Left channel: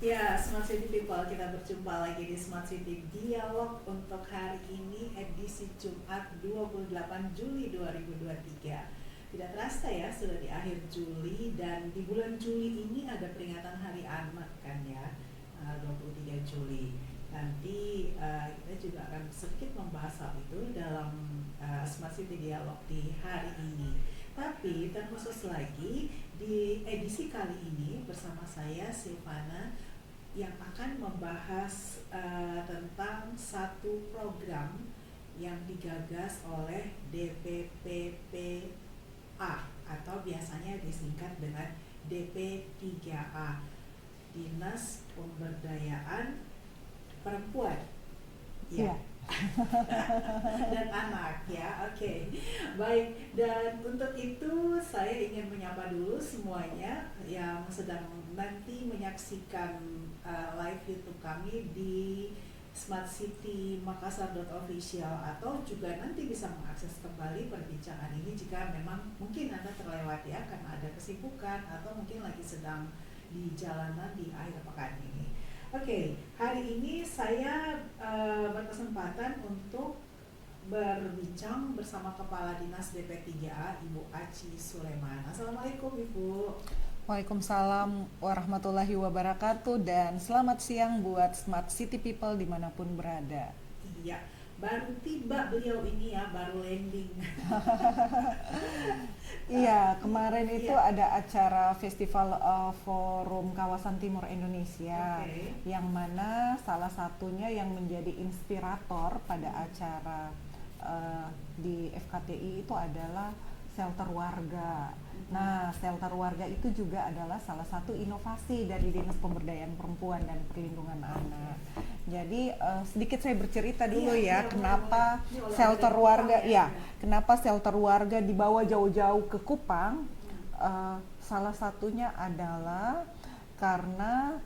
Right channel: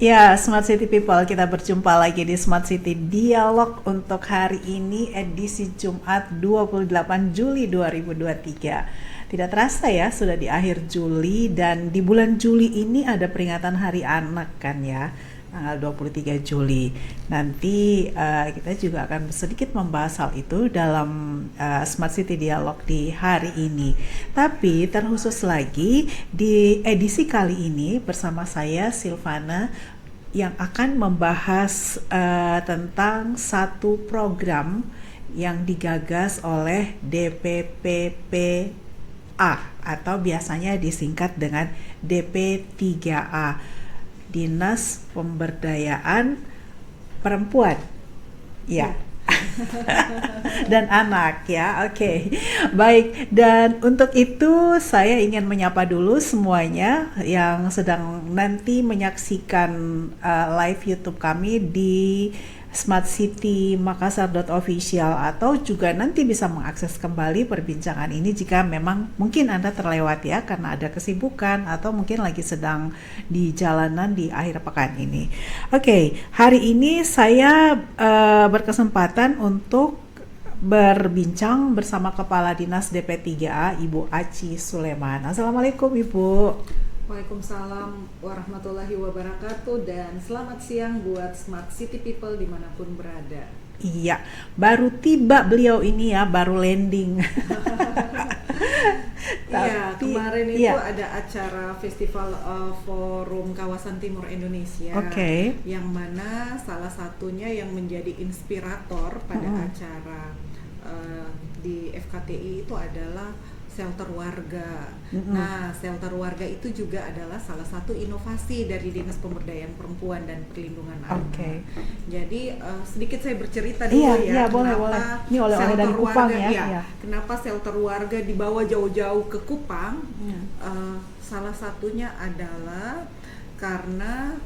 Ya, Smart City People, kita berjumpa lagi di Smart City Dialog untuk hari ini edisi Jumat 28 Juli 2023. Tidak terasa ya, sudah di akhir Juli dan di bulan Juli ini ada peringatan Hari Anak kan ya, tanggal 23 Juli. Nanti kita juga akan sedikit membahas hal itu dalam Smart City Dialog di hari ini. Tapi terkhusus lagi di edisi kali ini bersama saya Silvana yang akan membahas tentang satu program yang digagas oleh DPPPA atau biasanya disingkat dengan DP3A, Dinas Pemberdayaan Perempuan. Ya. Dan anak ya, oke. Baik, dan untuk itu saya ingin menyapa dulu semuanya yang sedang nanti menyaksikan live YouTube kami di smartcitymakassar.official atau juga nanti bisa mengakses kembali perbincangan ini jika memang mungkin Anda terlewat ya karena ada kesibukan atau mungkin lagi sedang di jalanan di akhir pekan ini. Oke, hari ini saya berkesempatan untuk berbincang bersama Kepala Dinas DP3A Ibu Aci Suleman. Assalamualaikum Ibu. Waalaikumsalam warahmatullahi wabarakatuh dan selamat siang buat Smart City People dimanapun berada. Iya, baru tiba beliau ini ya, baru landing. Iya, Tapi, kemarin itu iya. ada acara Festival Forum Kawasan Timur Indonesia, Oke. yang mana salah satunya yang menjadi inspirator pada acara di FKTI itu adalah shelter warga. Nah, shelter warga itu juga adalah salah satu inovasi dari Dinas Pemberdayaan Perempuan dan Perlindungan Anak. Oke. Jadi sedikit saya bercerita dulu Iya, boleh, boleh. kenapa Ini oleh-oleh shelter dari Kupang warga, ya. iya, Iya. kenapa shelter warga dibawa jauh-jauh ke Kupang. Salah satunya adalah karena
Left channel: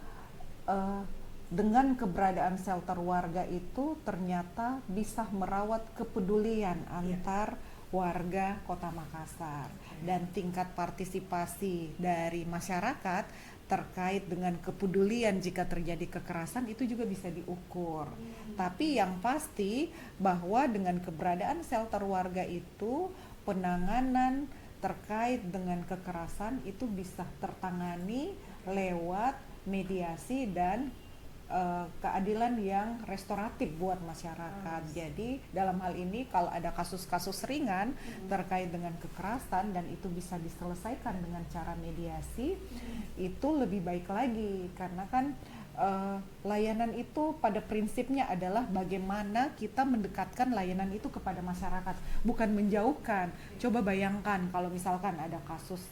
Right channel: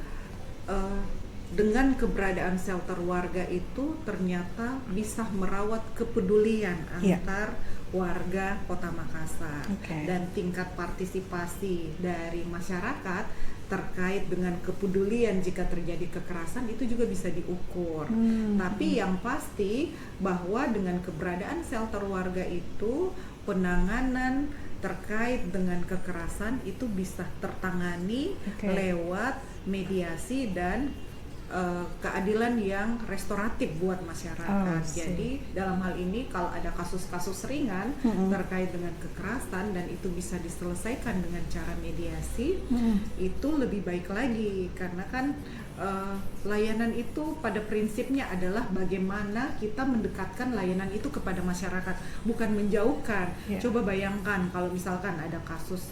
dengan keberadaan shelter warga itu ternyata bisa merawat kepedulian Iya. antar warga Kota Makassar. Oke. Dan tingkat partisipasi dari masyarakat terkait dengan kepedulian jika terjadi kekerasan itu juga bisa diukur. Tapi yang pasti bahwa dengan keberadaan shelter warga itu penanganan terkait dengan kekerasan itu bisa tertangani lewat mediasi dan keadilan yang restoratif buat masyarakat. Jadi dalam hal ini kalau ada kasus-kasus ringan terkait dengan kekerasan dan itu bisa diselesaikan dengan cara mediasi, itu lebih baik lagi karena kan layanan itu pada prinsipnya adalah bagaimana kita mendekatkan layanan itu kepada masyarakat, bukan menjauhkan. Coba bayangkan kalau misalkan ada kasus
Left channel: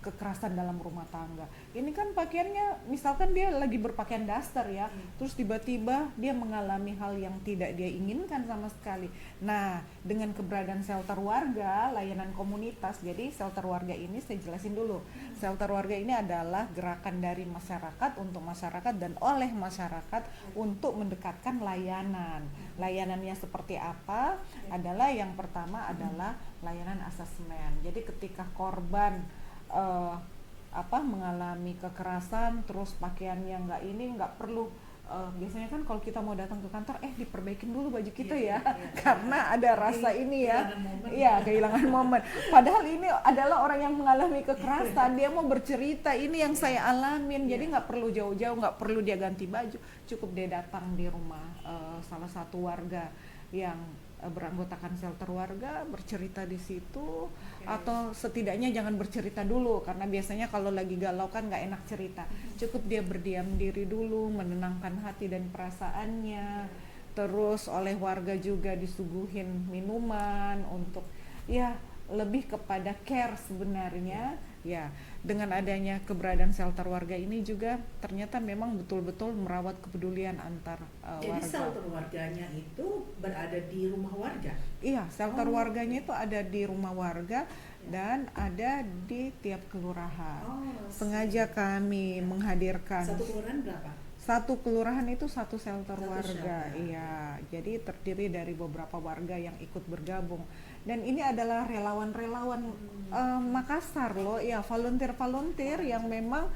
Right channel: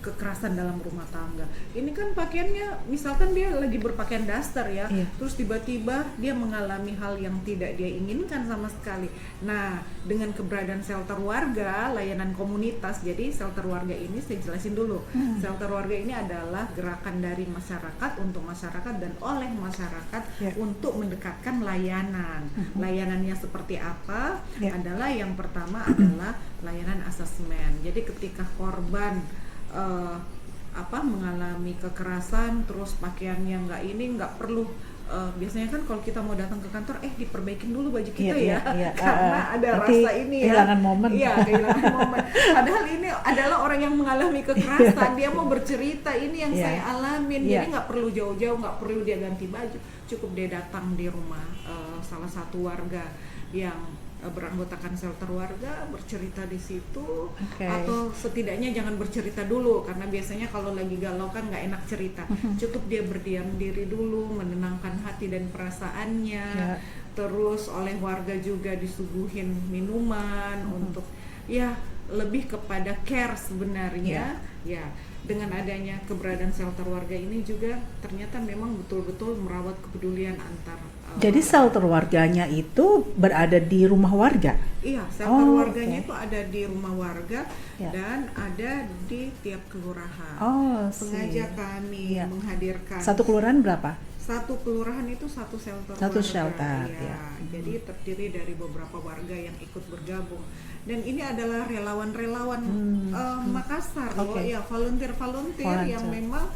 kekerasan dalam rumah tangga. Ini kan pakaiannya, misalkan dia lagi berpakaian daster ya, terus tiba-tiba dia mengalami hal yang tidak dia inginkan sama sekali. Nah, dengan keberadaan shelter warga, layanan komunitas, jadi shelter warga ini saya jelasin dulu. Shelter warga ini adalah gerakan dari masyarakat untuk masyarakat dan oleh masyarakat untuk mendekatkan layanan. Layanannya seperti apa? Adalah yang pertama adalah layanan asesmen. Jadi ketika korban mengalami kekerasan terus pakaiannya nggak perlu biasanya kan kalau kita mau datang ke kantor diperbaikin dulu baju kita karena ada rasa ini kehilangan momen. Kehilangan momen. Padahal ini adalah orang yang mengalami kekerasan, dia mau bercerita ini yang saya alamin. Jadi nggak perlu jauh-jauh, nggak perlu dia ganti baju, cukup dia datang di rumah salah satu warga yang beranggotakan shelter warga, bercerita di situ. Atau setidaknya jangan bercerita dulu karena biasanya kalau lagi galau kan nggak enak cerita. Cukup dia berdiam diri dulu, menenangkan hati dan perasaannya. Terus oleh warga juga disuguhin minuman untuk lebih kepada care sebenarnya. Dengan adanya keberadaan shelter warga ini juga ternyata memang betul-betul merawat kepedulian antar Jadi warga. shelter warganya itu berada di rumah warga? Iya, shelter warganya itu ada di rumah warga dan ada di tiap kelurahan. Sengaja kami menghadirkan. Satu kelurahan berapa? Satu kelurahan itu satu shelter Satu warga. shelter, Jadi terdiri dari beberapa warga yang ikut bergabung. Dan ini adalah relawan-relawan Makassar loh, volunteer yang memang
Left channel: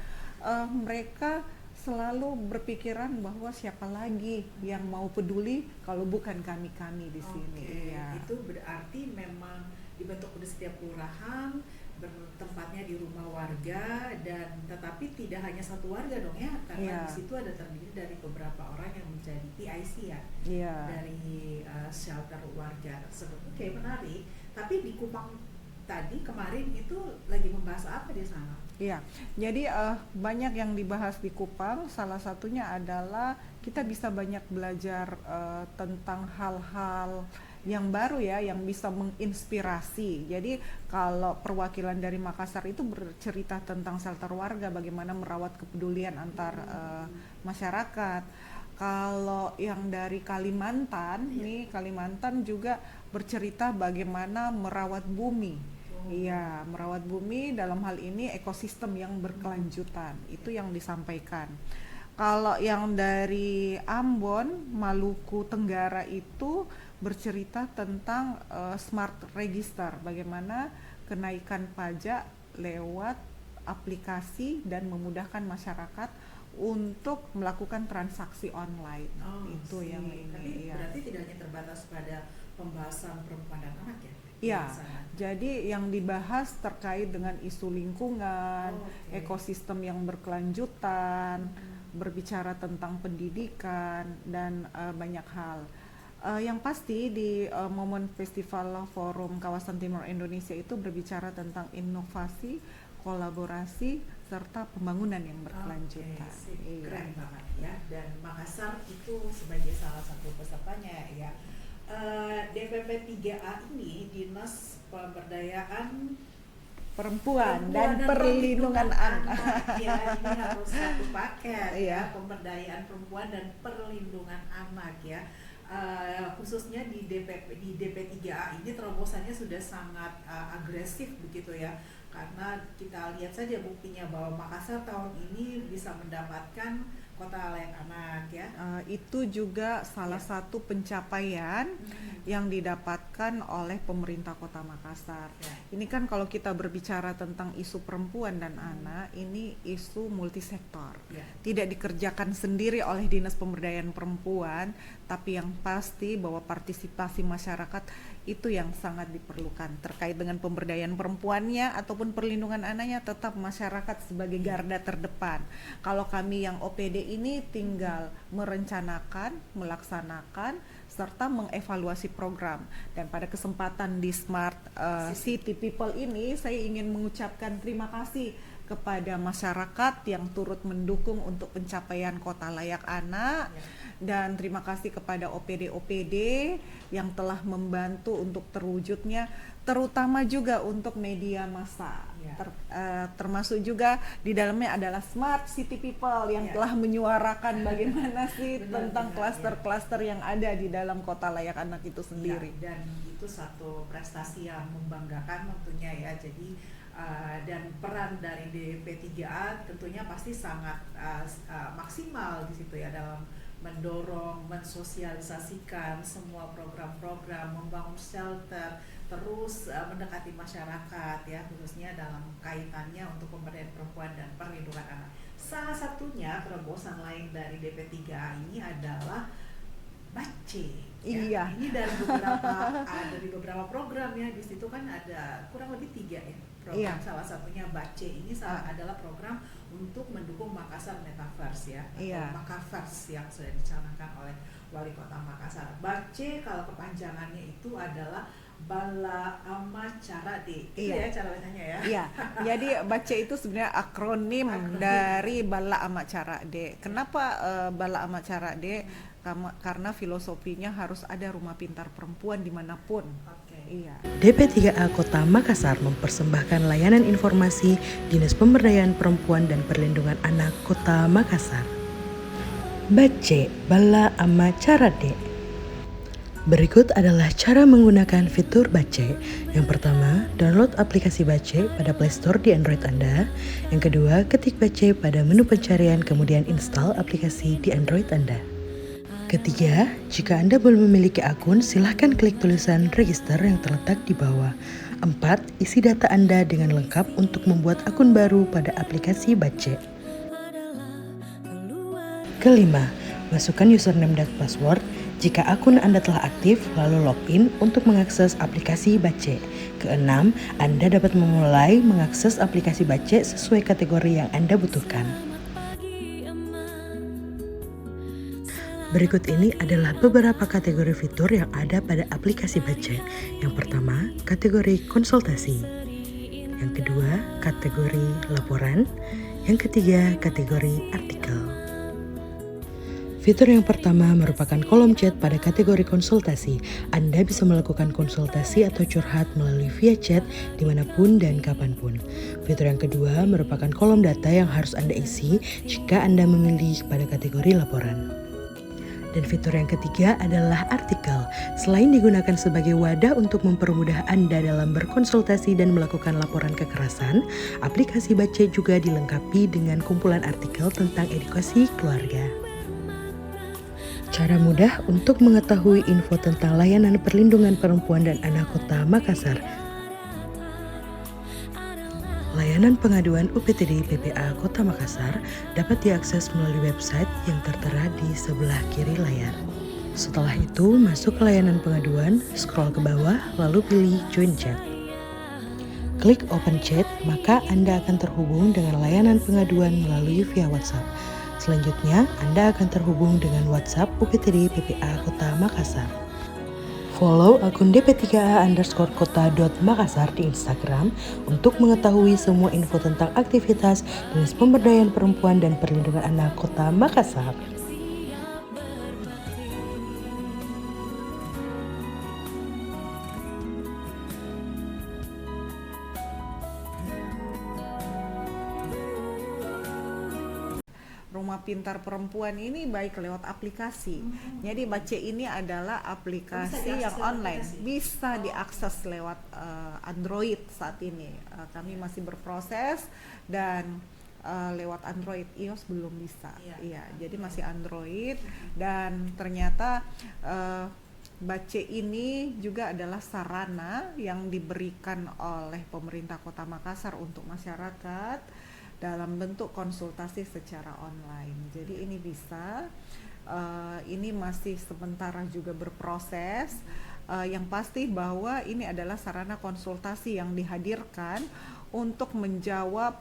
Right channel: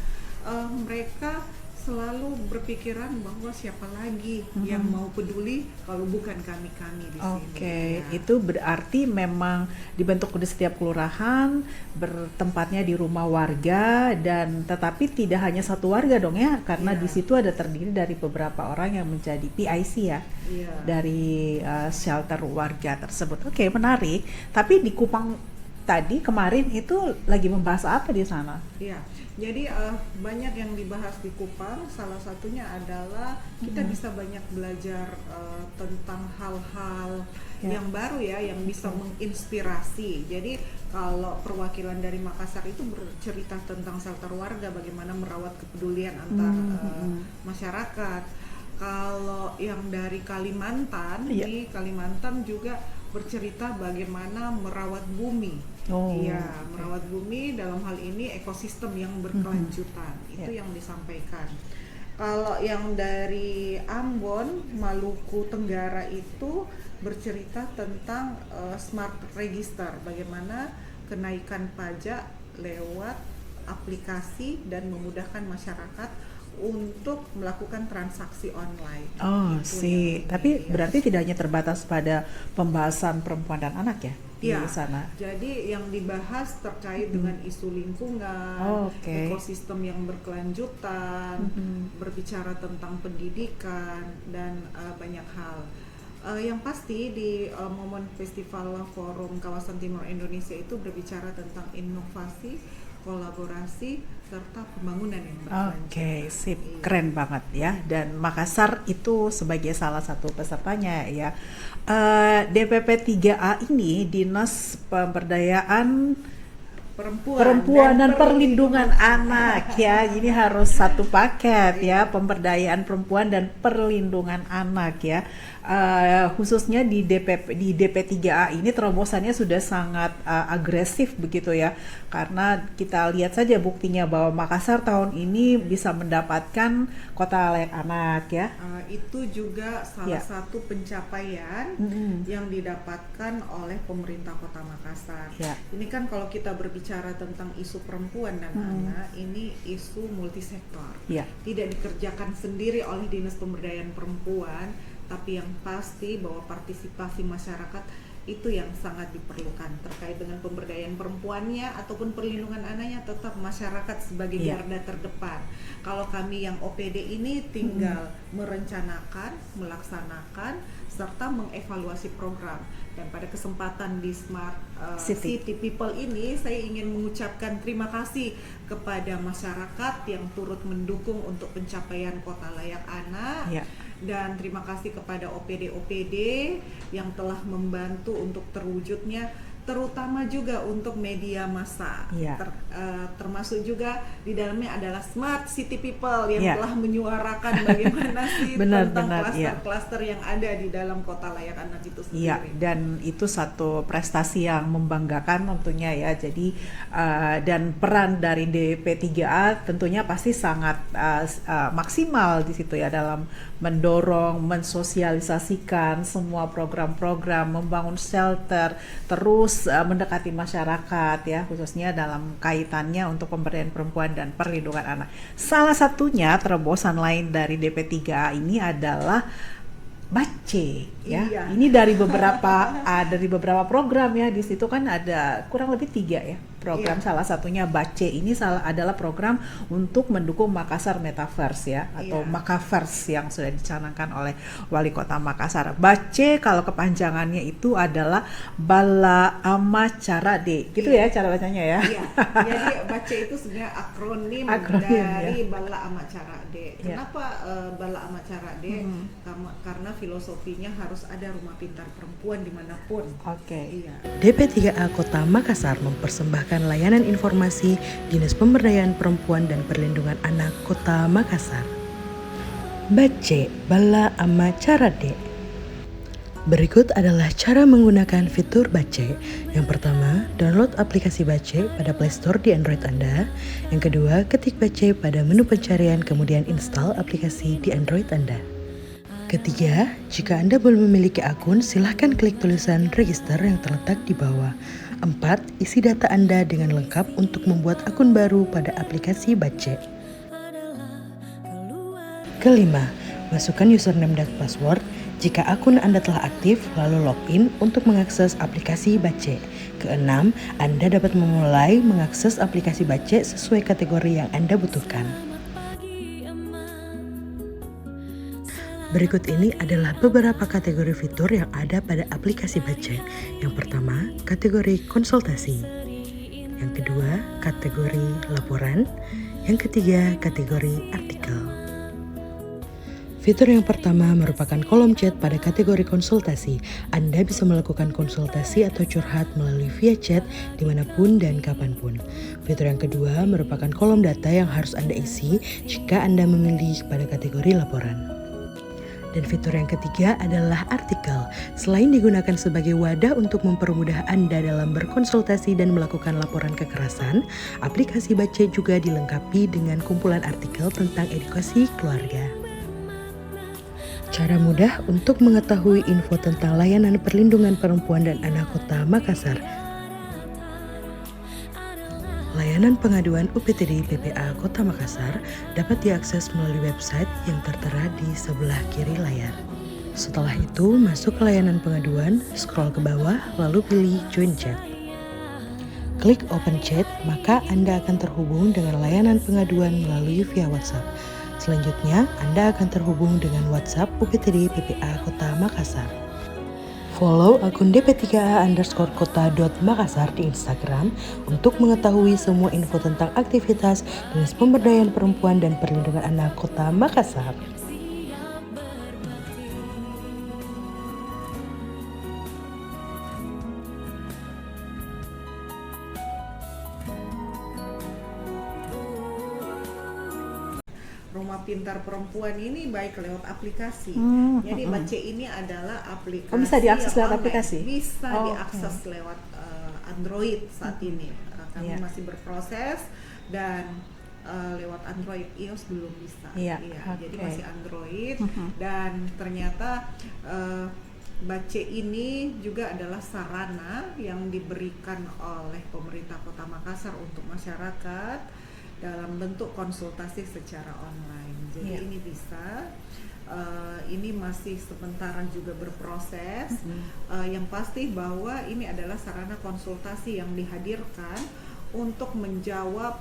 mereka selalu berpikiran bahwa siapa lagi yang mau peduli kalau bukan kami-kami di sini. Oke, Ya. itu berarti memang dibentuk di setiap kelurahan, bertempatnya di rumah warga, dan tetapi tidak hanya satu warga dong ya, karena Iya. di situ ada terdiri dari beberapa orang yang menjadi PIC ya, Iya. dari shelter warga tersebut. Oke, menarik. Tapi di Kupang tadi kemarin itu lagi membahas apa di sana? Iya, jadi banyak yang dibahas di Kupang. Salah satunya adalah kita bisa banyak belajar tentang hal-hal yang baru ya, yang bisa menginspirasi. Jadi kalau perwakilan dari Makassar itu bercerita tentang shelter warga, bagaimana merawat kepedulian antar masyarakat. Kalau yang dari Kalimantan, di Kalimantan juga bercerita bagaimana merawat bumi. Iya, merawat bumi dalam hal ini ekosistem yang berkelanjutan. Itu yang disampaikan. Kalau yang dari Ambon, Maluku Tenggara itu bercerita tentang smart register, bagaimana kenaikan pajak lewat aplikasi dan memudahkan masyarakat untuk melakukan transaksi online. Oh sih, tapi berarti tidak hanya terbatas pada pembahasan perempuan dan anak ya di sana? Jadi yang dibahas terkait dengan isu lingkungan, ekosistem yang berkelanjutan, berbicara tentang pendidikan, dan banyak hal. Yang pasti di momen Festival Forum Kawasan Timur Indonesia itu berbicara tentang inovasi, kolaborasi, serta pembangunan yang berkelanjutan. Oke, sip, keren banget ya. Dan Makassar itu sebagai salah satu pesertanya ya. DPP 3A ini Dinas Pemberdayaan Perempuan dan Perlindungan Anak ya. Ini harus satu paket ya, pemberdayaan perempuan dan perlindungan anak ya. Khususnya di DP3A ini terobosannya sudah sangat agresif begitu ya, karena kita lihat saja buktinya bahwa Makassar tahun ini bisa mendapatkan kota layak anak ya. Itu juga salah satu pencapaian yang didapatkan oleh pemerintah Kota Makassar. Ini kan kalau kita berbicara tentang isu perempuan dan anak, ini isu multisektor. Tidak dikerjakan sendiri oleh Dinas Pemberdayaan Perempuan, tapi yang pasti bahwa partisipasi masyarakat itu yang sangat diperlukan terkait dengan pemberdayaan perempuannya ataupun perlindungan anaknya. Tetap masyarakat sebagai garda terdepan. Kalau kami yang OPD ini tinggal merencanakan, melaksanakan, serta mengevaluasi program. Dan pada kesempatan di Smart City People ini, saya ingin mengucapkan terima kasih kepada masyarakat yang turut mendukung untuk pencapaian kota layak anak. Dan terima kasih kepada OPD-OPD yang telah membantu untuk terwujudnya, terutama juga untuk media massa. Termasuk juga di dalamnya adalah Smart City People yang telah menyuarakan bagaimana sih tentang klaster-klaster yang ada di dalam kota layak anak itu sendiri. Dan itu satu prestasi yang membanggakan tentunya ya. Jadi dan peran dari DP3A tentunya pasti sangat maksimal di situ ya, dalam mendorong, mensosialisasikan semua program-program, membangun shelter, terus mendekati masyarakat ya, khususnya dalam kaitannya untuk pemberdayaan perempuan dan perlindungan anak. Salah satunya terobosan lain dari DP3A ini adalah Bace ya. Ini dari beberapa program ya. Di situ kan ada kurang lebih 3 ya program. Salah satunya Bace ini adalah program untuk mendukung Makassar Metaverse ya, atau Makaverse yang sudah dicanangkan oleh Wali Kota Makassar. Bace kalau kepanjangannya itu adalah Bala Ama Cara D, gitu ya cara bacanya ya. Jadi Bace itu sebenarnya akronim dari Bala Ama Cara D. Kenapa Bala Ama Cara D? Karena filosofinya harus ada rumah pintar perempuan dimanapun. DP3A Kota Makassar mempersembahkan layanan informasi Dinas Pemberdayaan Perempuan dan Perlindungan Anak Kota Makassar. Bace Bala Ama Cara D. Berikut adalah cara menggunakan fitur Bace. Yang pertama, download aplikasi Bace pada Play Store di Android Anda. Yang kedua, ketik Bace pada menu pencarian, kemudian install aplikasi di Android Anda. Ketiga, jika Anda belum memiliki akun, silahkan klik tulisan register yang terletak di bawah. 4. Isi data Anda dengan lengkap untuk membuat akun baru pada aplikasi Bace. Kelima, masukkan username dan password. Jika akun Anda telah aktif, lalu login untuk mengakses aplikasi Bace. Keenam, Anda dapat memulai mengakses aplikasi Bace sesuai kategori yang Anda butuhkan. Berikut ini adalah beberapa kategori fitur yang ada pada aplikasi Bace. Yang pertama, kategori konsultasi. Yang kedua, kategori laporan. Yang ketiga, kategori artikel. Fitur yang pertama merupakan kolom chat pada kategori konsultasi. Anda bisa melakukan konsultasi atau curhat melalui via chat dimanapun dan kapanpun. Fitur yang kedua merupakan kolom data yang harus Anda isi jika Anda memilih pada kategori laporan. Dan fitur yang ketiga adalah artikel. Selain digunakan sebagai wadah untuk mempermudah Anda dalam berkonsultasi dan melakukan laporan kekerasan, aplikasi Bace juga dilengkapi dengan kumpulan artikel tentang edukasi keluarga. Cara mudah untuk mengetahui info tentang layanan perlindungan perempuan dan anak Kota Makassar. Layanan pengaduan UPTD PPA Kota Makassar dapat diakses melalui website yang tertera di sebelah kiri layar. Setelah itu, masuk ke layanan pengaduan, scroll ke bawah, lalu pilih Join Chat. Klik Open Chat, maka Anda akan terhubung dengan layanan pengaduan melalui via WhatsApp. Selanjutnya, Anda akan terhubung dengan WhatsApp UPTD PPA Kota Makassar. Follow akun dp3a_kota.makassar di Instagram untuk mengetahui semua info tentang aktivitas Dinas Pemberdayaan Perempuan dan Perlindungan Anak Kota Makassar. Rumah Pintar Perempuan ini baik lewat aplikasi. Jadi Bace ini adalah aplikasi bisa diakses yang lewat online. aplikasi? Bisa diakses lewat Android saat ini. Kami masih berproses dan lewat Android, iOS belum bisa. Jadi masih Android dan ternyata Bace ini juga adalah sarana yang diberikan oleh pemerintah Kota Makassar untuk masyarakat dalam bentuk konsultasi secara online. Jadi ini bisa, ini masih sementara juga berproses. Yang pasti bahwa ini adalah sarana konsultasi yang dihadirkan untuk menjawab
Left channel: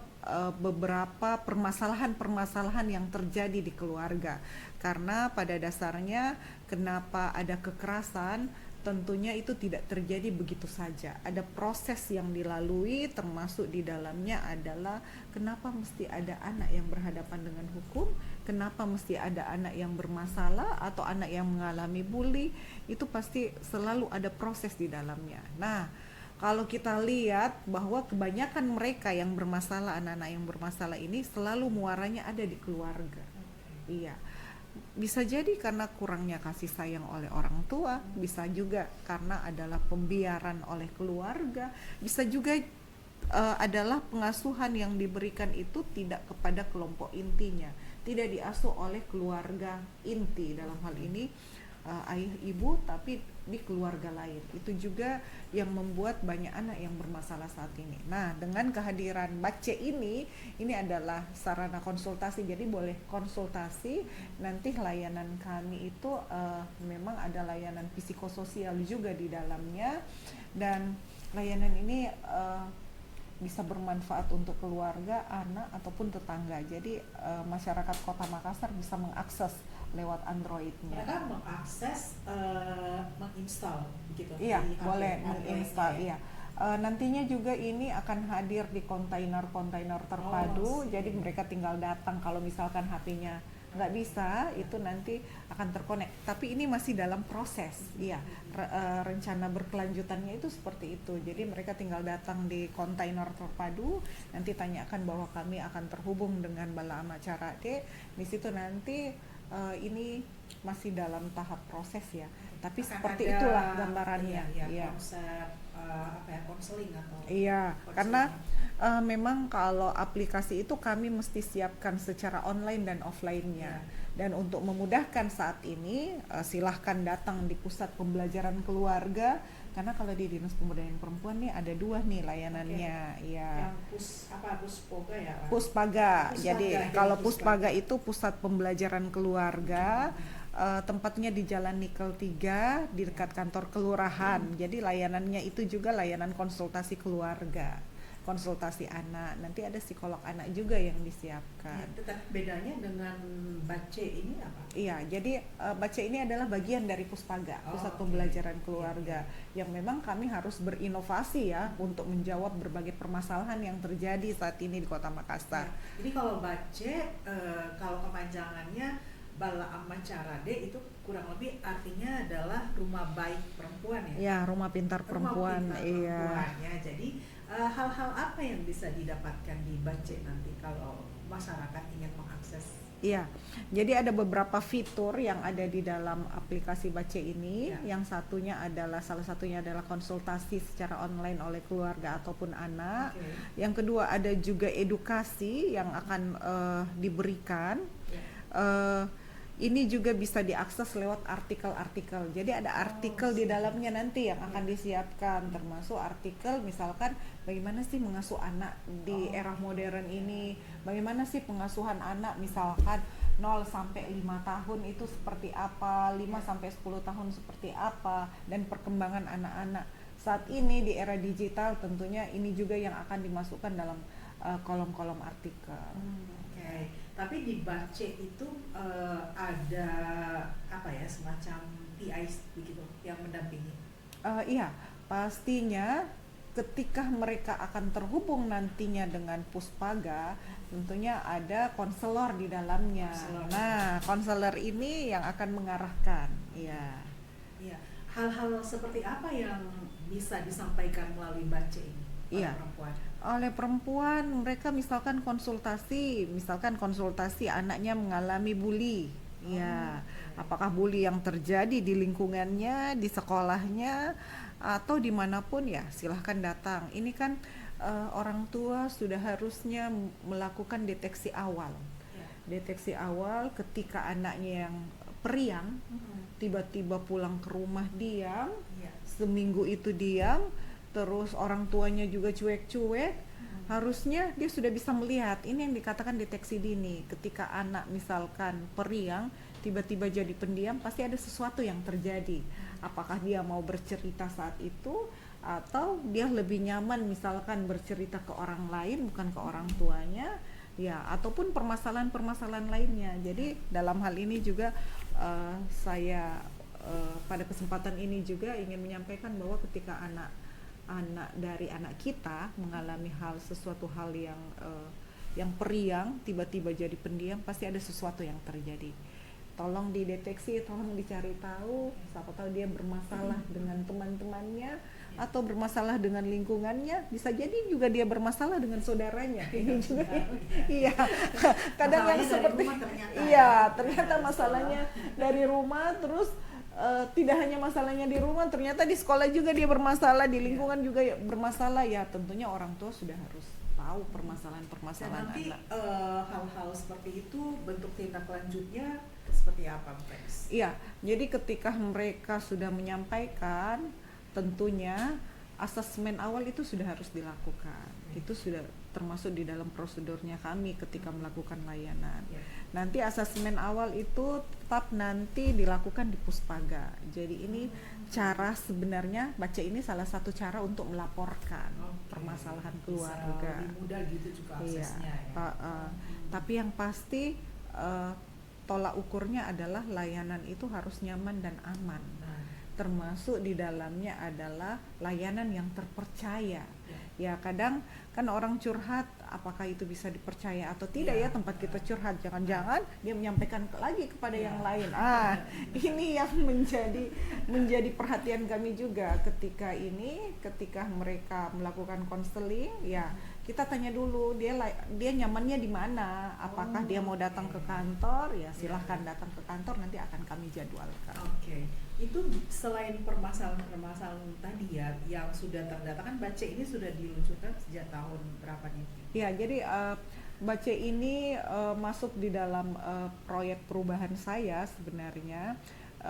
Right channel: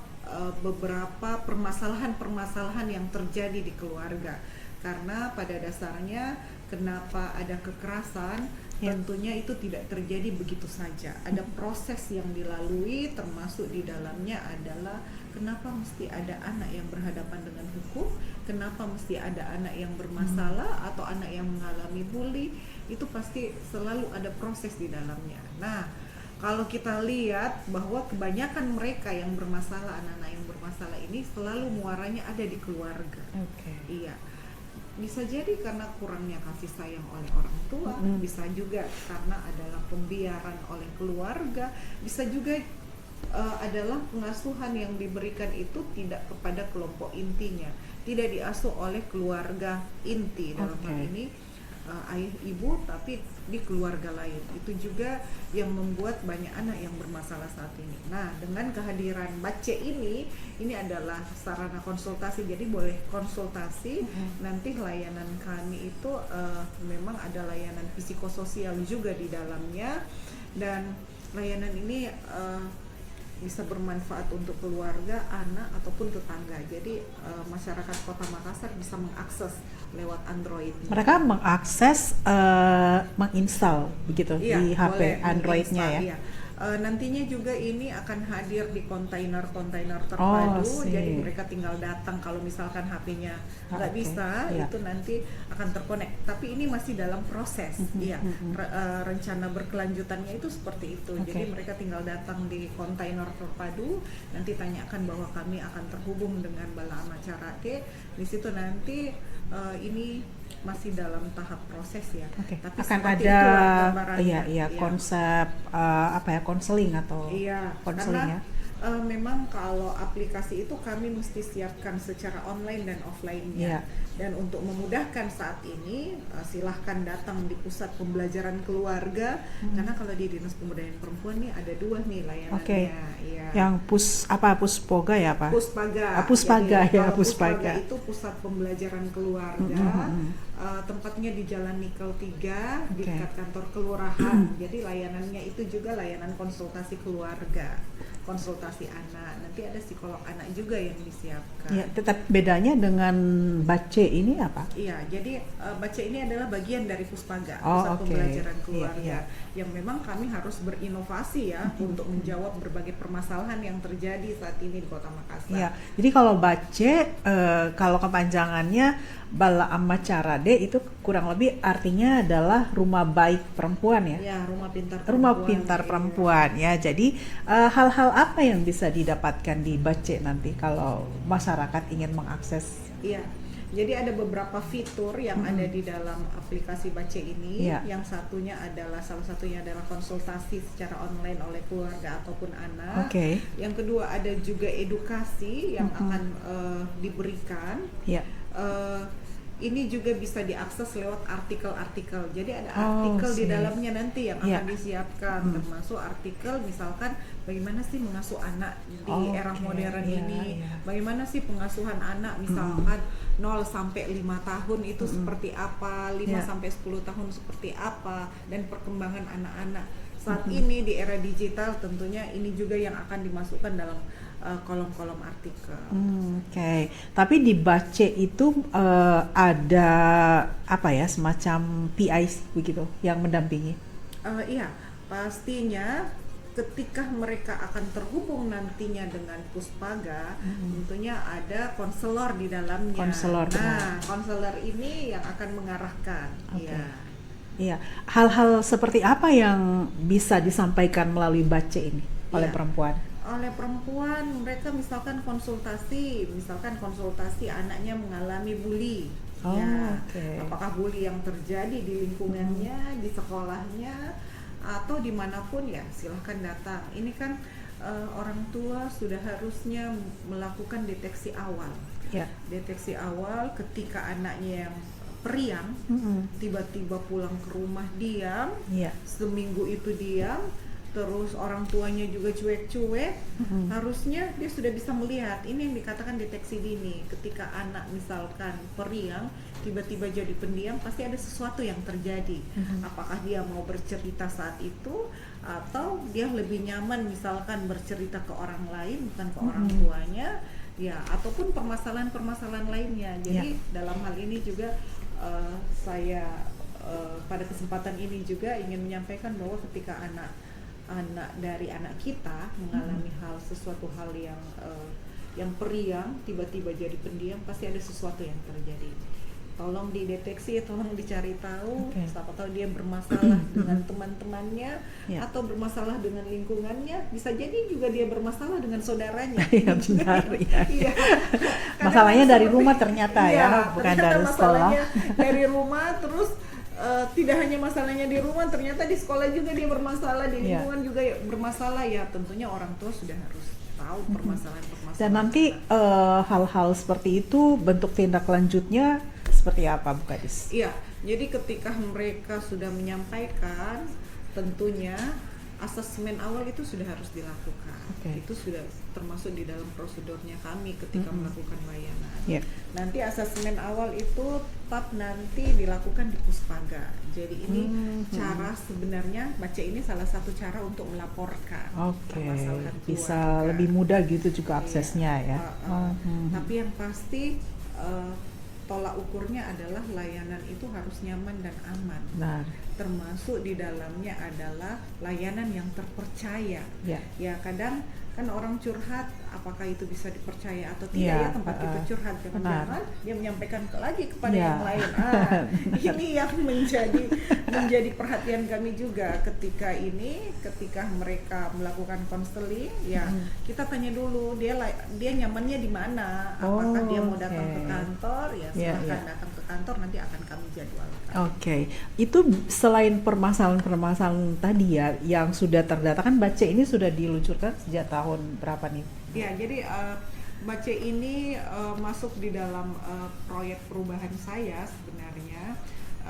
beberapa permasalahan-permasalahan yang terjadi di keluarga. Karena pada dasarnya kenapa ada kekerasan, tentunya itu tidak terjadi begitu saja. Ada proses yang dilalui, termasuk di dalamnya adalah kenapa mesti ada anak yang berhadapan dengan hukum, kenapa mesti ada anak yang bermasalah atau anak yang mengalami bully, itu pasti selalu ada proses di dalamnya. Nah, kalau kita lihat bahwa kebanyakan mereka yang bermasalah, anak-anak yang bermasalah ini selalu muaranya ada di keluarga. Iya. Bisa jadi karena kurangnya kasih sayang oleh orang tua, bisa juga karena adalah pembiaran oleh keluarga, bisa juga adalah pengasuhan yang diberikan itu tidak kepada kelompok intinya, tidak diasuh oleh keluarga inti dalam hal ini ayah ibu, tapi di keluarga lain. Itu juga yang membuat banyak anak yang bermasalah saat ini. Nah, dengan kehadiran Bace ini adalah sarana konsultasi, jadi boleh konsultasi. Nanti layanan kami itu memang ada layanan psikososial juga di dalamnya, dan layanan ini bisa bermanfaat untuk keluarga, anak ataupun tetangga. Jadi masyarakat Kota Makassar bisa mengakses lewat Android. Mereka mengakses, menginstal begitu di HP Android-nya ya. Iya. Nantinya juga ini akan hadir di kontainer-kontainer terpadu. Jadi mereka tinggal datang, kalau misalkan HP-nya nggak bisa, itu nanti akan terkonek. Tapi ini masih dalam proses. Rencana berkelanjutannya itu seperti itu. Jadi mereka tinggal datang di kontainer terpadu, nanti tanyakan bahwa kami akan terhubung dengan Bala Amacara D. Di situ nanti ini masih dalam tahap proses ya. Tapi akan ada konsep konseling atau karena Memang kalau aplikasi itu kami mesti siapkan secara online dan offline-nya. Dan untuk memudahkan saat ini, silahkan datang di pusat pembelajaran keluarga, karena kalau di Dinas Pemberdayaan Perempuan nih ada 2 nih layanannya. Ya. Yang Puspoga ya Pak? Puspaga. Puspaga. Jadi, kalau Puspaga itu pusat pembelajaran keluarga, tempatnya di Jalan Nikel 3 di dekat kantor kelurahan. Jadi layanannya itu juga layanan konsultasi keluarga, konsultasi anak. Nanti ada psikolog anak juga yang disiapkan. Ya, tetap bedanya dengan Bace ini apa? Iya, jadi Bace ini adalah bagian dari Puspaga, Oh, pusat oke. pembelajaran keluarga. Iya. Yang memang kami harus berinovasi ya untuk menjawab berbagai permasalahan yang terjadi saat ini di Kota Makassar. Ya, jadi kalau Bace, kalau kepanjangannya Bala Amma Carade itu kurang lebih artinya adalah rumah baik perempuan ya? Ya, rumah pintar perempuan. Rumah pintar Iya. perempuan ya. Jadi hal-hal apa yang bisa didapatkan di Bace nanti kalau masyarakat ingin mengakses? Iya. Jadi ada beberapa fitur yang ada di dalam aplikasi Bace ini. Iya. Yang salah satunya adalah konsultasi secara online oleh keluarga ataupun anak. Oke. Yang kedua ada juga edukasi yang akan diberikan. Ya. Ini juga bisa diakses lewat artikel-artikel. Jadi ada Oh, artikel di sih. dalamnya nanti yang Iya. akan disiapkan, termasuk artikel misalkan bagaimana sih mengasuh anak di Oh, era oke. modern Iya, ini, iya. bagaimana sih pengasuhan anak misalkan 0 sampai 5 tahun itu seperti apa, 5 Iya. sampai 10 tahun seperti apa, dan perkembangan anak-anak. Saat ini di era digital tentunya ini juga yang akan dimasukkan dalam kolom-kolom artikel. Oke. Tapi di Bace itu ada apa ya, semacam PIC begitu yang mendampingi. Iya, pastinya ketika mereka akan terhubung nantinya dengan Puspaga, tentunya ada konselor di dalamnya. Konselor, Nah, benar. konselor ini yang akan mengarahkan. Oke. Iya. Iya. Hal-hal seperti apa yang bisa disampaikan melalui Bace ini oleh Iya. perempuan? Oleh perempuan, mereka misalkan konsultasi anaknya mengalami bully. Oh, Ya, oke. apakah bully yang terjadi di lingkungannya, di sekolahnya, atau dimanapun ya silahkan datang. Ini kan orang tua sudah harusnya melakukan deteksi awal. Ya. Deteksi awal ketika anaknya yang periang tiba-tiba pulang ke rumah diam, Iya. seminggu itu diam, terus orang tuanya juga cuek-cuek, harusnya dia sudah bisa melihat. Ini yang dikatakan deteksi dini. Ketika anak misalkan periang tiba-tiba jadi pendiam, pasti ada sesuatu yang terjadi. Apakah dia mau bercerita saat itu, atau dia lebih nyaman misalkan bercerita ke orang lain bukan ke orang tuanya, ya, ataupun permasalahan-permasalahan lainnya. Jadi dalam hal ini juga saya pada kesempatan ini juga ingin menyampaikan bahwa ketika anak dari anak kita mengalami sesuatu hal yang periang, tiba-tiba jadi pendiam, pasti ada sesuatu yang terjadi. Tolong dideteksi, tolong dicari tahu. Oke. Siapa tahu dia bermasalah dengan teman-temannya Ya. atau bermasalah dengan lingkungannya, bisa jadi juga dia bermasalah dengan saudaranya. Iya, benar, iya. Iya. Kadang Masalahnya dari seperti- rumah ternyata ya, iya, bukan ternyata dari sekolah. masalahnya dari rumah, terus tidak hanya masalahnya di rumah, ternyata di sekolah juga dia bermasalah, di Iya. lingkungan juga bermasalah. Ya tentunya orang tua sudah harus tahu permasalahan-permasalahan. Dan nanti anak. hal-hal seperti itu bentuk tindak lanjutnya seperti apa, Bu Kadis? Iya, jadi ketika mereka sudah menyampaikan, tentunya asesmen awal itu sudah harus dilakukan. Oke. Itu sudah termasuk di dalam prosedurnya kami ketika melakukan layanan. Ya. Nanti asesmen awal itu tetap nanti dilakukan di Puspaga. Jadi ini cara sebenarnya Bace ini salah satu cara untuk melaporkan Oke, permasalahan bisa keluarga. lebih mudah gitu juga Iya. aksesnya ya. Tapi yang pasti tolak ukurnya adalah layanan itu harus nyaman dan aman. Nah, Termasuk di dalamnya adalah layanan yang terpercaya. ya. Ya kadang kan orang curhat apakah itu bisa dipercaya atau tidak ya tempat kita curhat. Jangan-jangan dia menyampaikan lagi kepada yang lain. Ini yang menjadi perhatian kami juga ketika mereka melakukan konseling ya. Kita tanya dulu dia nyamannya di mana, apakah dia mau datang ke kantor ya, silahkan datang ke kantor, nanti akan kami jadwalkan. Itu selain permasalahan tadi ya yang sudah terdata, kan BACE ini sudah diluncurkan sejak tahun berapa nih? Ya, jadi BACE ini masuk di dalam proyek perubahan saya sebenarnya,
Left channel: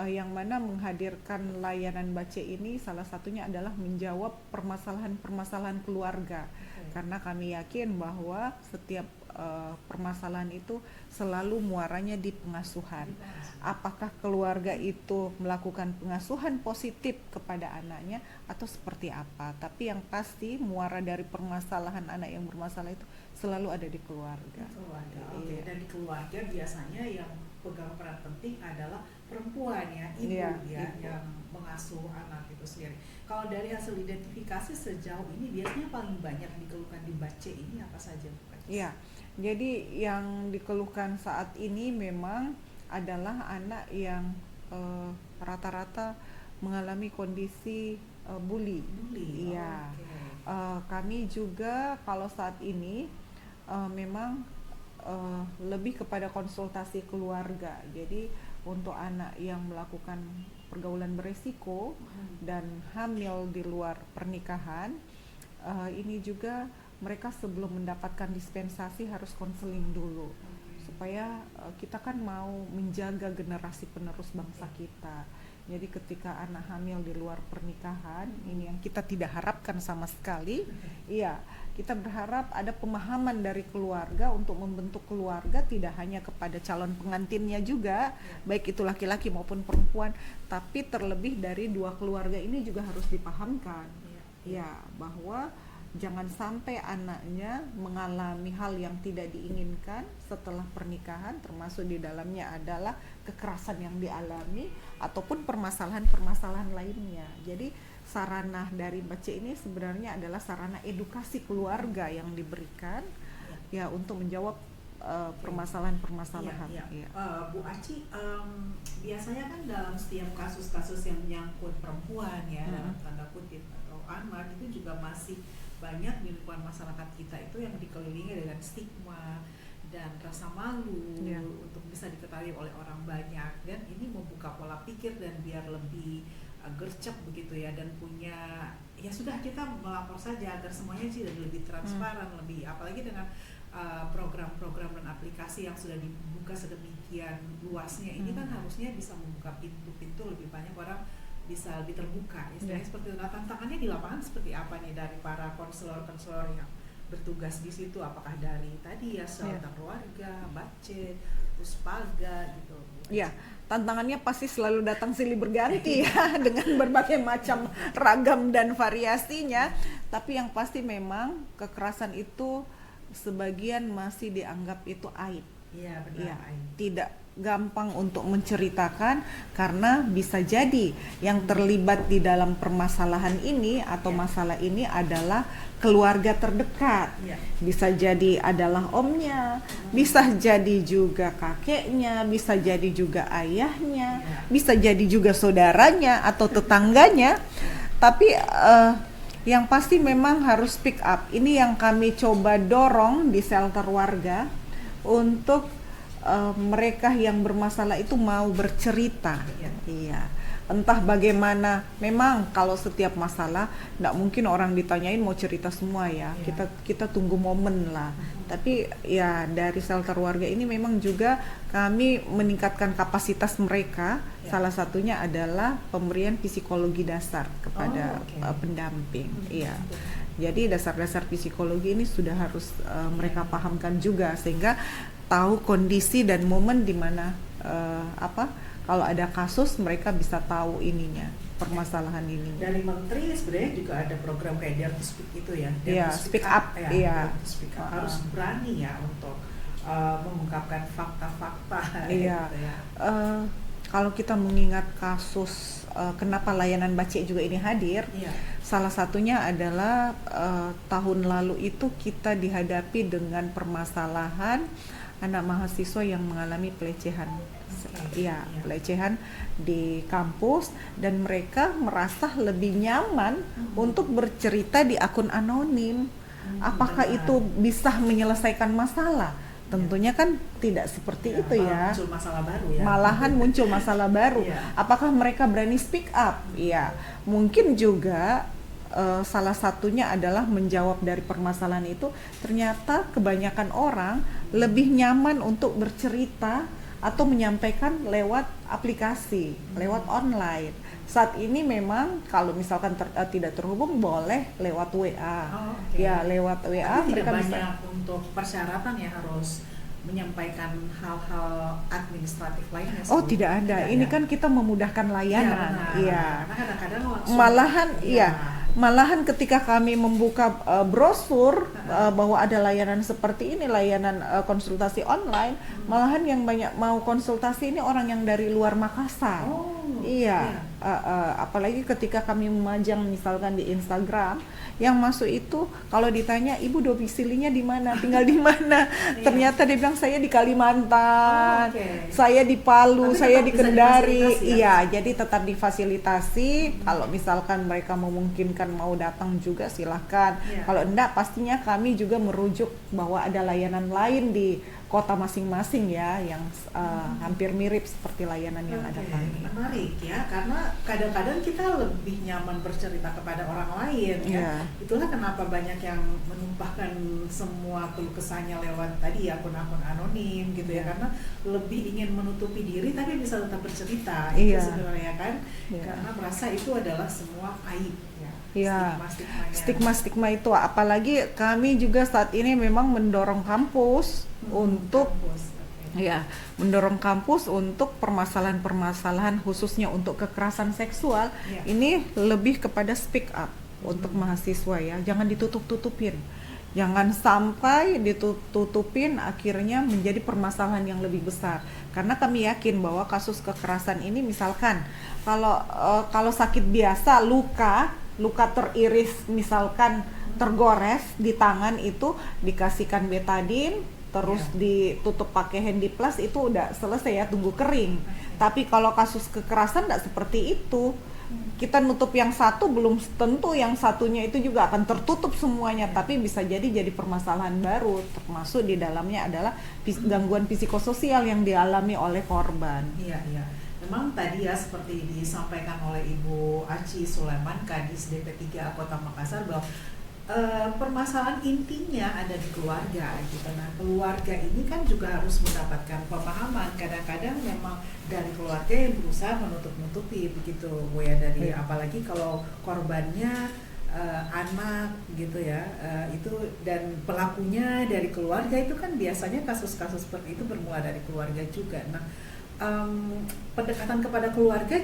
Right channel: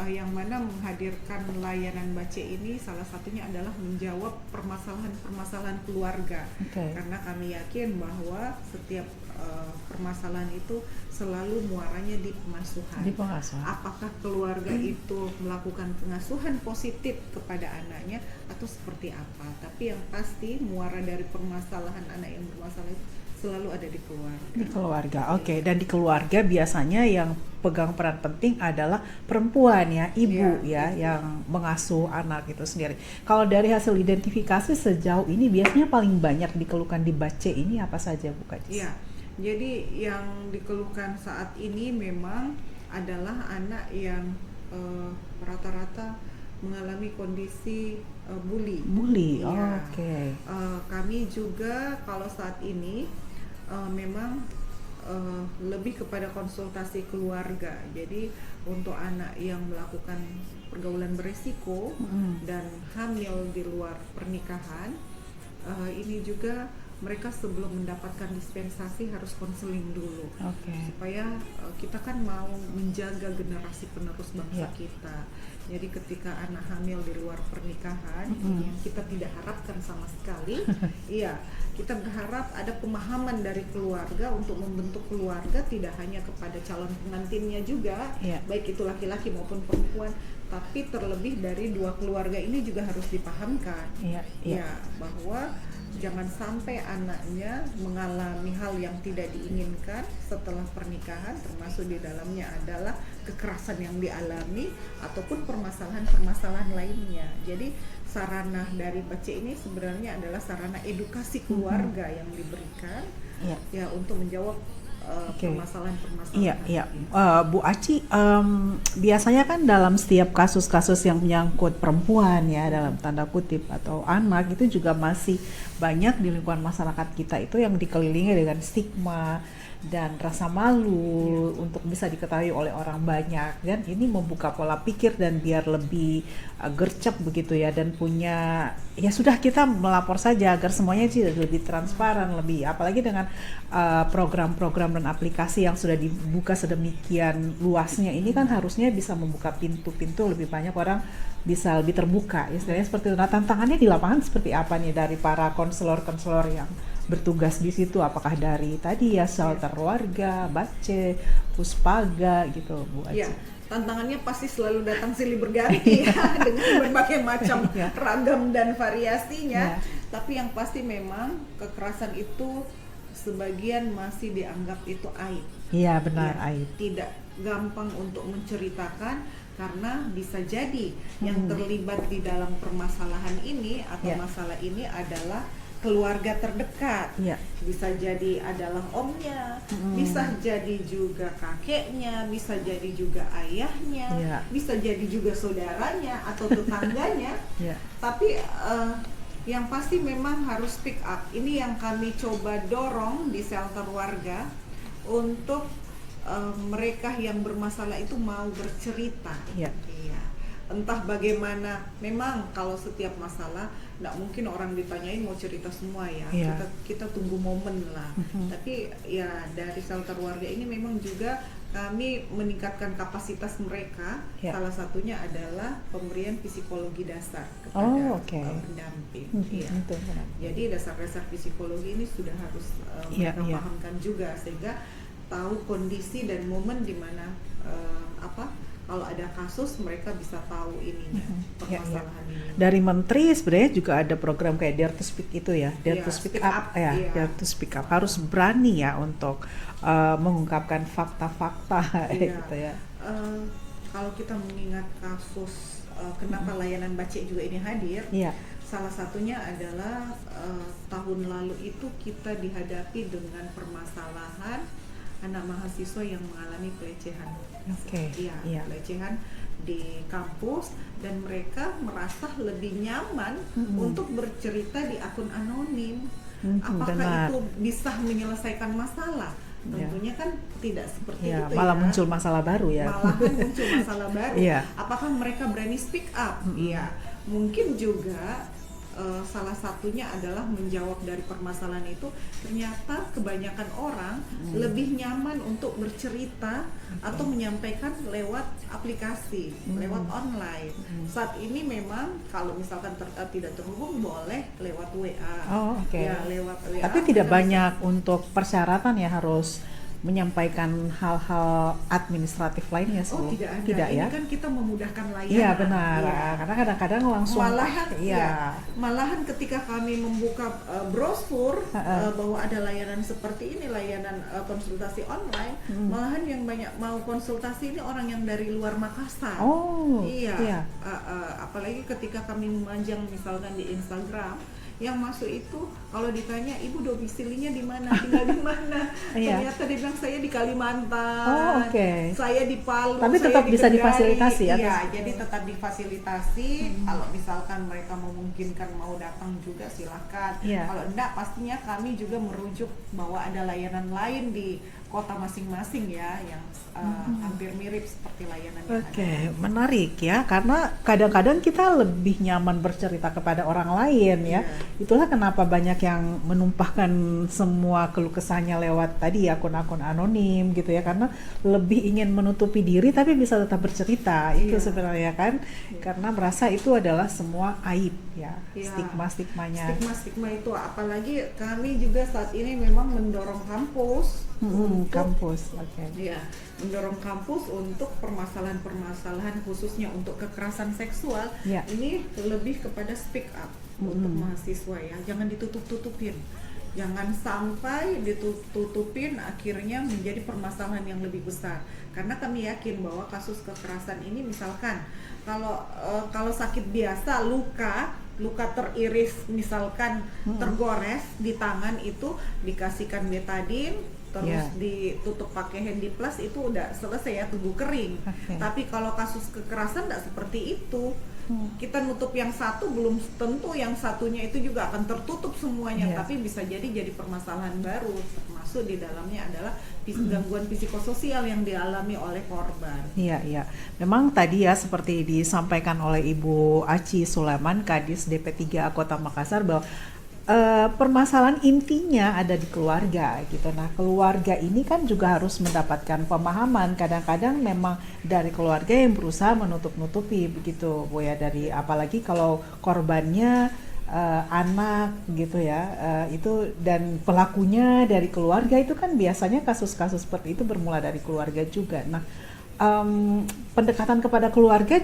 yang mana menghadirkan layanan BACE ini salah satunya adalah menjawab permasalahan keluarga. Karena kami yakin bahwa setiap permasalahan itu selalu muaranya di pengasuhan. Apakah keluarga itu melakukan pengasuhan positif kepada anaknya atau seperti apa? Tapi yang pasti muara dari permasalahan anak yang bermasalah itu selalu ada di keluarga. Di keluarga, dan di keluarga biasanya yang pegang peran penting adalah perempuan ya, ibu yang mengasuh anak itu sendiri. Kalau dari hasil identifikasi sejauh ini biasanya paling banyak dikeluhkan di BACE ini apa saja, Bu Kades? Iya. Jadi yang dikeluhkan saat ini memang adalah anak yang rata-rata mengalami kondisi bully. Ya. Kami juga kalau saat ini memang lebih kepada konsultasi keluarga. Jadi untuk anak yang melakukan pergaulan beresiko dan hamil di luar pernikahan, ini juga mereka sebelum mendapatkan dispensasi harus konseling dulu, supaya kita kan mau menjaga generasi penerus bangsa kita. Jadi ketika anak hamil di luar pernikahan, yang kita tidak harapkan sama sekali, kita berharap ada pemahaman dari keluarga untuk membentuk keluarga tidak hanya kepada calon pengantinnya juga, baik itu laki-laki maupun perempuan, tapi terlebih dari dua keluarga ini juga harus dipahamkan, bahwa jangan sampai anaknya mengalami hal yang tidak diinginkan setelah pernikahan, termasuk di dalamnya adalah kekerasan yang dialami ataupun permasalahan-permasalahan lainnya. Jadi sarana dari BACE ini sebenarnya adalah sarana edukasi keluarga yang diberikan untuk menjawab permasalahan-permasalahan. Bu Aci, biasanya kan dalam setiap kasus-kasus yang menyangkut perempuan ya, dalam tanda kutip atau anak, itu juga masih banyak di lingkungan masyarakat kita itu yang dikelilingi dengan stigma dan rasa malu untuk bisa diketahui oleh orang banyak, dan ini membuka pola pikir dan biar lebih gercep begitu ya, dan punya sudah kita melapor saja agar semuanya sih lebih transparan, lebih apalagi dengan program-program dan aplikasi yang sudah dibuka sedemikian luasnya ini kan harusnya bisa membuka pintu-pintu lebih banyak orang bisa lebih terbuka, istilahnya seperti itu. Nah, tantangannya di lapangan seperti apa nih dari para konselor-konselor yang bertugas di situ, apakah dari tadi shelter warga, BACE, Puspaga gitu, Bu Aci? Tantangannya pasti selalu datang silih berganti dengan berbagai macam ragam dan variasinya. Tapi yang pasti memang kekerasan itu sebagian masih dianggap itu aib. Iya benar, aib. Tidak gampang untuk menceritakan karena bisa jadi yang terlibat di dalam permasalahan ini atau masalah ini adalah keluarga terdekat, bisa jadi adalah omnya, bisa jadi juga kakeknya, bisa jadi juga ayahnya, bisa jadi juga saudaranya atau tetangganya. Tapi yang pasti memang harus speak up. Ini yang kami coba dorong di shelter warga untuk mereka yang bermasalah itu mau bercerita. Entah bagaimana, memang kalau setiap masalah nggak mungkin orang ditanyain mau cerita semua kita tunggu momen lah. Tapi dari shelter warga ini memang juga kami meningkatkan kapasitas mereka. Salah satunya adalah pemberian psikologi dasar kepada pendamping. Jadi dasar-dasar psikologi ini sudah harus mereka pahamkan juga, sehingga tahu kondisi dan momen di mana kalau ada kasus mereka bisa tahu ininya, permasalahan ini. Dari menteri sebenarnya juga ada program kayak Dare to Speak itu ya, Dare to Speak Up Dare to Speak Up. Harus berani untuk mengungkapkan fakta-fakta gitu ya. kalau kita mengingat kasus kenapa layanan Bace juga ini hadir, Iya. salah satunya adalah tahun lalu itu kita dihadapi dengan permasalahan anak mahasiswa yang mengalami pelecehan. Oke, Iya, iya. pelecehan di kampus, dan mereka merasa lebih nyaman untuk bercerita di akun anonim. Apakah benar. itu bisa menyelesaikan masalah? Tentunya kan tidak seperti Ya, itu malah ya. muncul masalah baru ya. Malahan muncul masalah baru. Iya. Apakah mereka berani speak up? Iya, mungkin juga salah satunya adalah menjawab dari permasalahan itu. Ternyata kebanyakan orang lebih nyaman untuk bercerita atau menyampaikan lewat aplikasi, lewat online. Saat ini memang kalau misalkan tidak terhubung, boleh lewat WA. Oh, oke. Ya, lewat WA. Tapi tidak mereka bisa- banyak untuk persyaratan ya harus menyampaikan hal-hal administratif lainnya. Oh, Su. tidak ada. Tidak, Ini ya? kan kita memudahkan layanan. Iya benar. Iya. Karena kadang-kadang langsung Malahan Iya. iya, malahan ketika kami membuka brosur bahwa ada layanan seperti ini, layanan konsultasi online, malahan yang banyak mau konsultasi ini orang yang dari luar Makassar. Oh, Iya, apalagi ketika kami memajang misalkan di Instagram, yang masuk itu kalau ditanya ibu domisilinya di mana, tinggal di mana, Iya. ternyata dia bilang saya di Kalimantan, Oh, oke. saya di Palu, Tapi saya tetap di bisa Kendari. difasilitasi ya? Iya, jadi tetap difasilitasi. Kalau misalkan mereka memungkinkan mau datang juga silahkan. Iya. Kalau enggak, pastinya kami juga merujuk bahwa ada layanan lain di kota masing-masing ya, yang hampir mirip seperti layanan yang Oke, ada. menarik ya, karena kadang-kadang kita lebih nyaman bercerita kepada orang lain ya. Iya. Itulah kenapa banyak yang menumpahkan semua keluh kesahnya lewat tadi akun-akun anonim gitu ya, karena lebih ingin menutupi diri tapi bisa tetap bercerita. Itu Iya. sebenarnya kan, Iya. karena merasa itu adalah semua aib ya, Iya. stigma-stigmanya. Stigma-stigma itu, apalagi kami juga saat ini memang mendorong kampus untuk kampus. Oke. ya, mendorong kampus untuk permasalahan-permasalahan khususnya untuk kekerasan seksual Ya. ini lebih kepada speak up untuk mahasiswa ya, jangan ditutup-tutupin. Jangan sampai ditutupin akhirnya menjadi permasalahan yang lebih besar. Karena kami yakin bahwa kasus kekerasan ini misalkan kalau sakit biasa, luka teriris misalkan tergores di tangan, itu dikasihkan betadine terus Ya. ditutup pakai Handyplus, itu udah selesai ya, tunggu kering. Oke. Tapi kalau kasus kekerasan tidak seperti itu. Kita nutup yang satu, belum tentu yang satunya itu juga akan tertutup semuanya. Iya. Tapi bisa jadi permasalahan baru, termasuk di dalamnya adalah gangguan psikososial yang dialami oleh korban. Iya, iya. Memang tadi ya seperti disampaikan oleh Ibu Aci Sulaiman, Kadis DP3 Kota Makassar, bahwa permasalahan intinya ada di keluarga gitu. Nah, keluarga ini kan juga harus mendapatkan pemahaman. Kadang-kadang memang dari keluarga yang berusaha menutup-nutupi begitu, Bu ya, dari apalagi kalau korbannya anak gitu ya, itu dan pelakunya dari keluarga, itu kan biasanya kasus-kasus seperti itu bermula dari keluarga juga. Nah, pendekatan kepada keluarga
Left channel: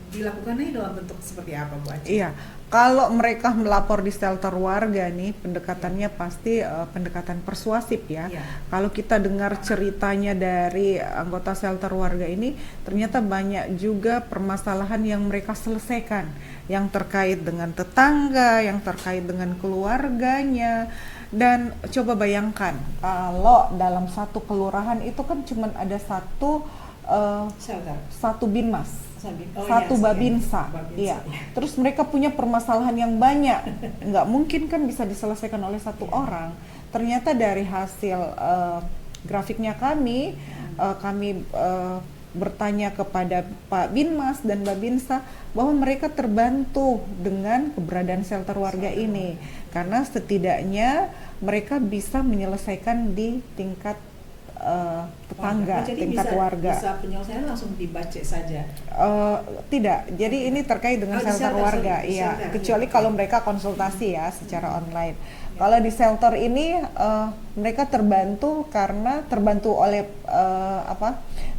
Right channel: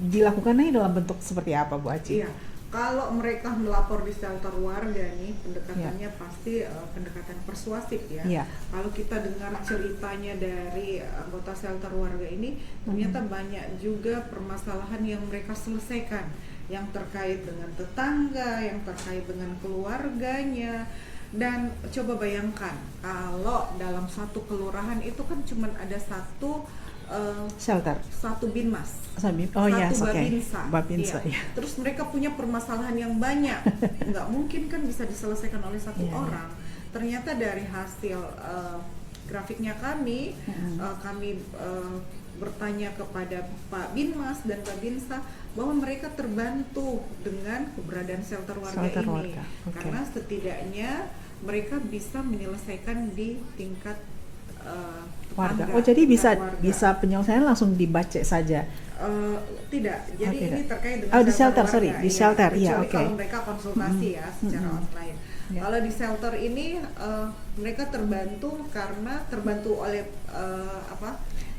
dilakukannya dalam bentuk seperti apa, Bu Aci? Iya, kalau mereka melapor di shelter warga nih, pendekatannya pasti pendekatan persuasif ya. Iya. Kalau kita dengar ceritanya dari anggota shelter warga ini, ternyata banyak juga permasalahan yang mereka selesaikan, yang terkait dengan tetangga, yang terkait dengan keluarganya. Dan coba bayangkan, kalau dalam satu kelurahan itu kan cuma ada satu Shelter. binmas. Oh, iya, Satu oke. Babinsa. Babinsa, Iya. iya. Terus mereka punya permasalahan yang banyak, nggak mungkin kan bisa diselesaikan oleh satu orang. Ternyata dari hasil grafiknya kami bertanya kepada Pak Binmas dan Babinsa bahwa mereka terbantu dengan keberadaan shelter warga Shelter ini, warga, oke. karena setidaknya mereka bisa menyelesaikan di tingkat tetangga. Oh, jadi tingkat bisa bisa penyelesaian langsung dibaca saja. Tidak, jadi tidak. ini terkait dengan Oh, di shelter, warga, sorry, di iya. shelter, iya, Kecuali oke. kalau mereka konsultasi ya secara online. Iya. Kalau di shelter ini mereka terbantu karena terbantu oleh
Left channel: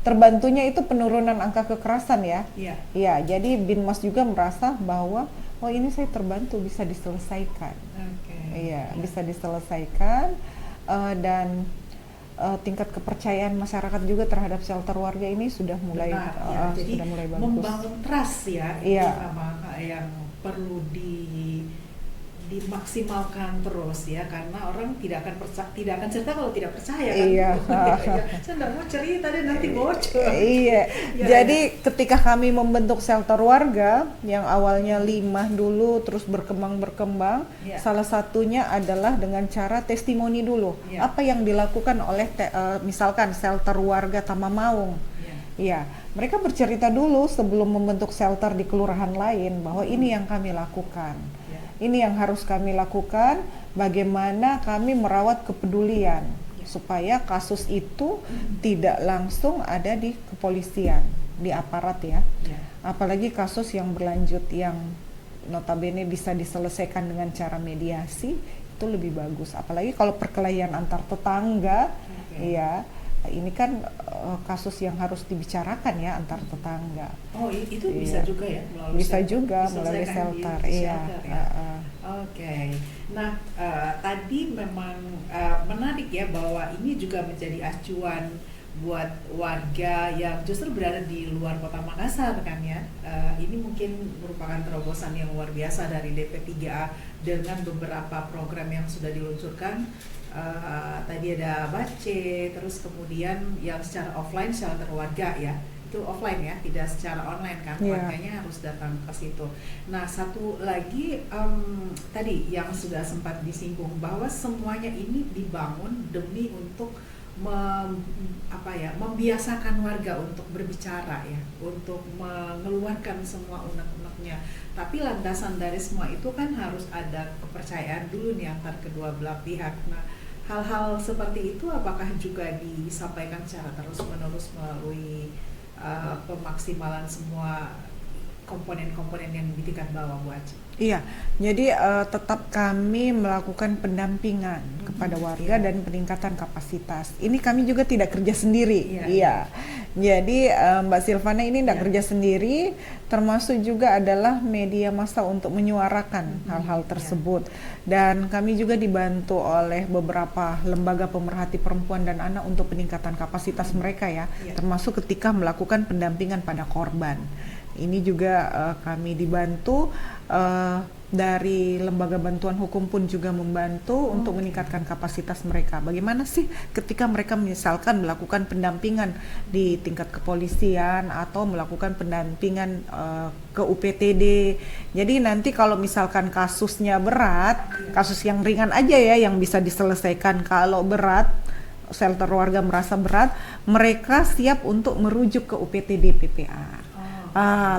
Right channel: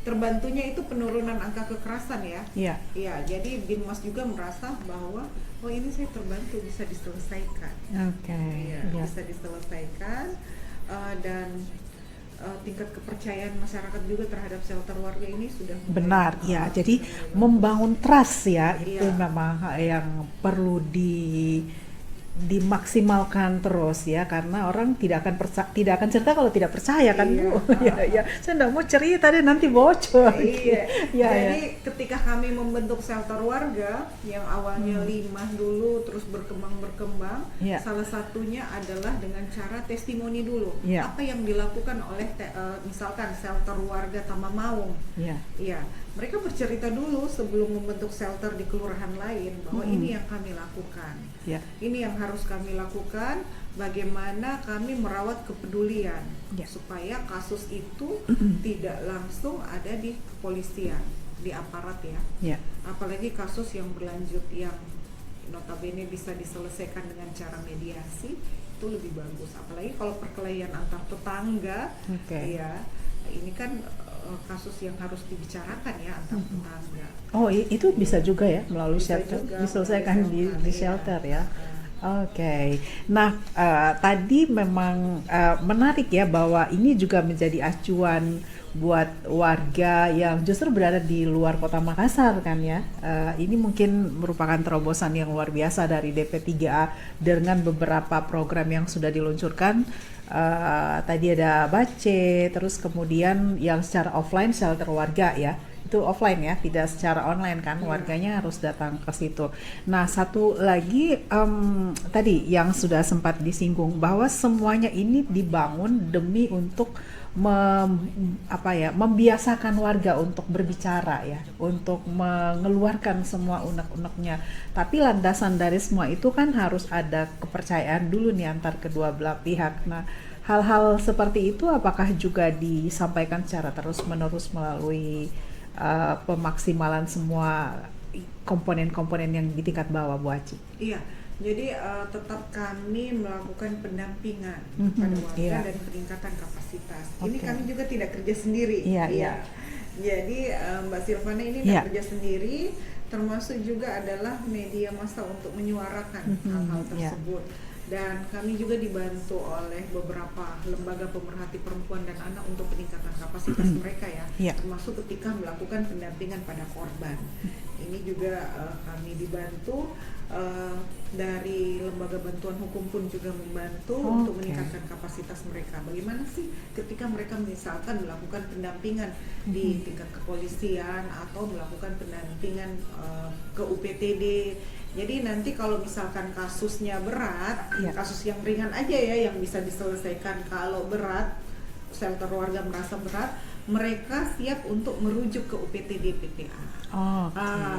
terbantunya itu penurunan angka kekerasan ya. Iya. Iya, jadi Binmas juga merasa bahwa oh ini saya terbantu, bisa diselesaikan. Oke. Iya, bisa diselesaikan dan tingkat kepercayaan masyarakat juga terhadap shelter warga ini sudah mulai Benar, ya. Jadi sudah mulai bagus. membangun trust ya, itu Iya. memang yang perlu dimaksimalkan terus ya, karena orang tidak akan cerita kalau tidak percaya kan. Iya. Iya, saya nggak mau cerita deh nanti bocor. Iya. Ya, Jadi ketika kami membentuk shelter warga yang awalnya 5 dulu terus berkembang, Ya. salah satunya adalah dengan cara testimoni dulu. Ya. Apa yang dilakukan oleh misalkan shelter warga Tamamaung. ya. Iya, mereka bercerita dulu sebelum membentuk shelter di kelurahan lain bahwa ini yang kami lakukan. Ya. Ini yang harus kami lakukan, bagaimana kami merawat kepedulian Ya. supaya kasus itu tidak langsung ada di kepolisian, di aparat ya. Ya. Apalagi kasus yang berlanjut yang notabene bisa diselesaikan dengan cara mediasi, itu lebih bagus. Apalagi kalau perkelahian antar tetangga, Oke. ya ini kan kasus yang harus dibicarakan ya antar tetangga. Oh, itu bisa Iya. juga ya melalui Bisa shelter, juga diselesaikan melalui di shelter, iya. shelter ya. Oke. Nah, tadi memang menarik ya bahwa ini juga menjadi acuan buat warga yang justru berada di luar Kota Makassar kan ya. Ini mungkin merupakan terobosan yang luar biasa dari DP3A dengan beberapa program yang sudah diluncurkan. Tadi ada Bace, terus kemudian yang secara offline shelter warga ya. Itu offline ya, tidak secara online kan, Iya. warganya harus datang ke situ. Nah, satu lagi tadi yang sudah sempat disinggung bahwa semuanya ini dibangun demi untuk membiasakan warga untuk berbicara ya, untuk mengeluarkan semua unek-uneknya. Tapi landasan dari semua itu kan harus ada kepercayaan dulu nih antar kedua belah pihak. Nah, hal-hal seperti itu apakah juga disampaikan secara terus-menerus melalui pemaksimalan semua komponen-komponen yang di tingkat bawah, Bu Aci? Iya, jadi tetap kami melakukan pendampingan kepada warga iya. dan peningkatan kapasitas. Ini kami juga tidak kerja sendiri. Iya, Iya. iya. Jadi Mbak Silvana ini tidak Iya. kerja sendiri, termasuk juga adalah media massa untuk menyuarakan hal-hal tersebut. Dan kami juga dibantu oleh beberapa lembaga pemerhati perempuan dan anak untuk peningkatan kapasitas mereka ya, Iya. termasuk ketika melakukan pendampingan pada korban. Ini juga kami dibantu dari lembaga bantuan hukum pun juga membantu untuk meningkatkan kapasitas mereka. Bagaimana sih ketika mereka misalkan melakukan pendampingan di tingkat kepolisian atau melakukan pendampingan ke UPTD. Jadi nanti kalau misalkan kasusnya berat, Iya. kasus yang ringan aja ya yang bisa diselesaikan. Kalau berat, shelter warga merasa berat, mereka siap untuk merujuk ke UPTD PPA.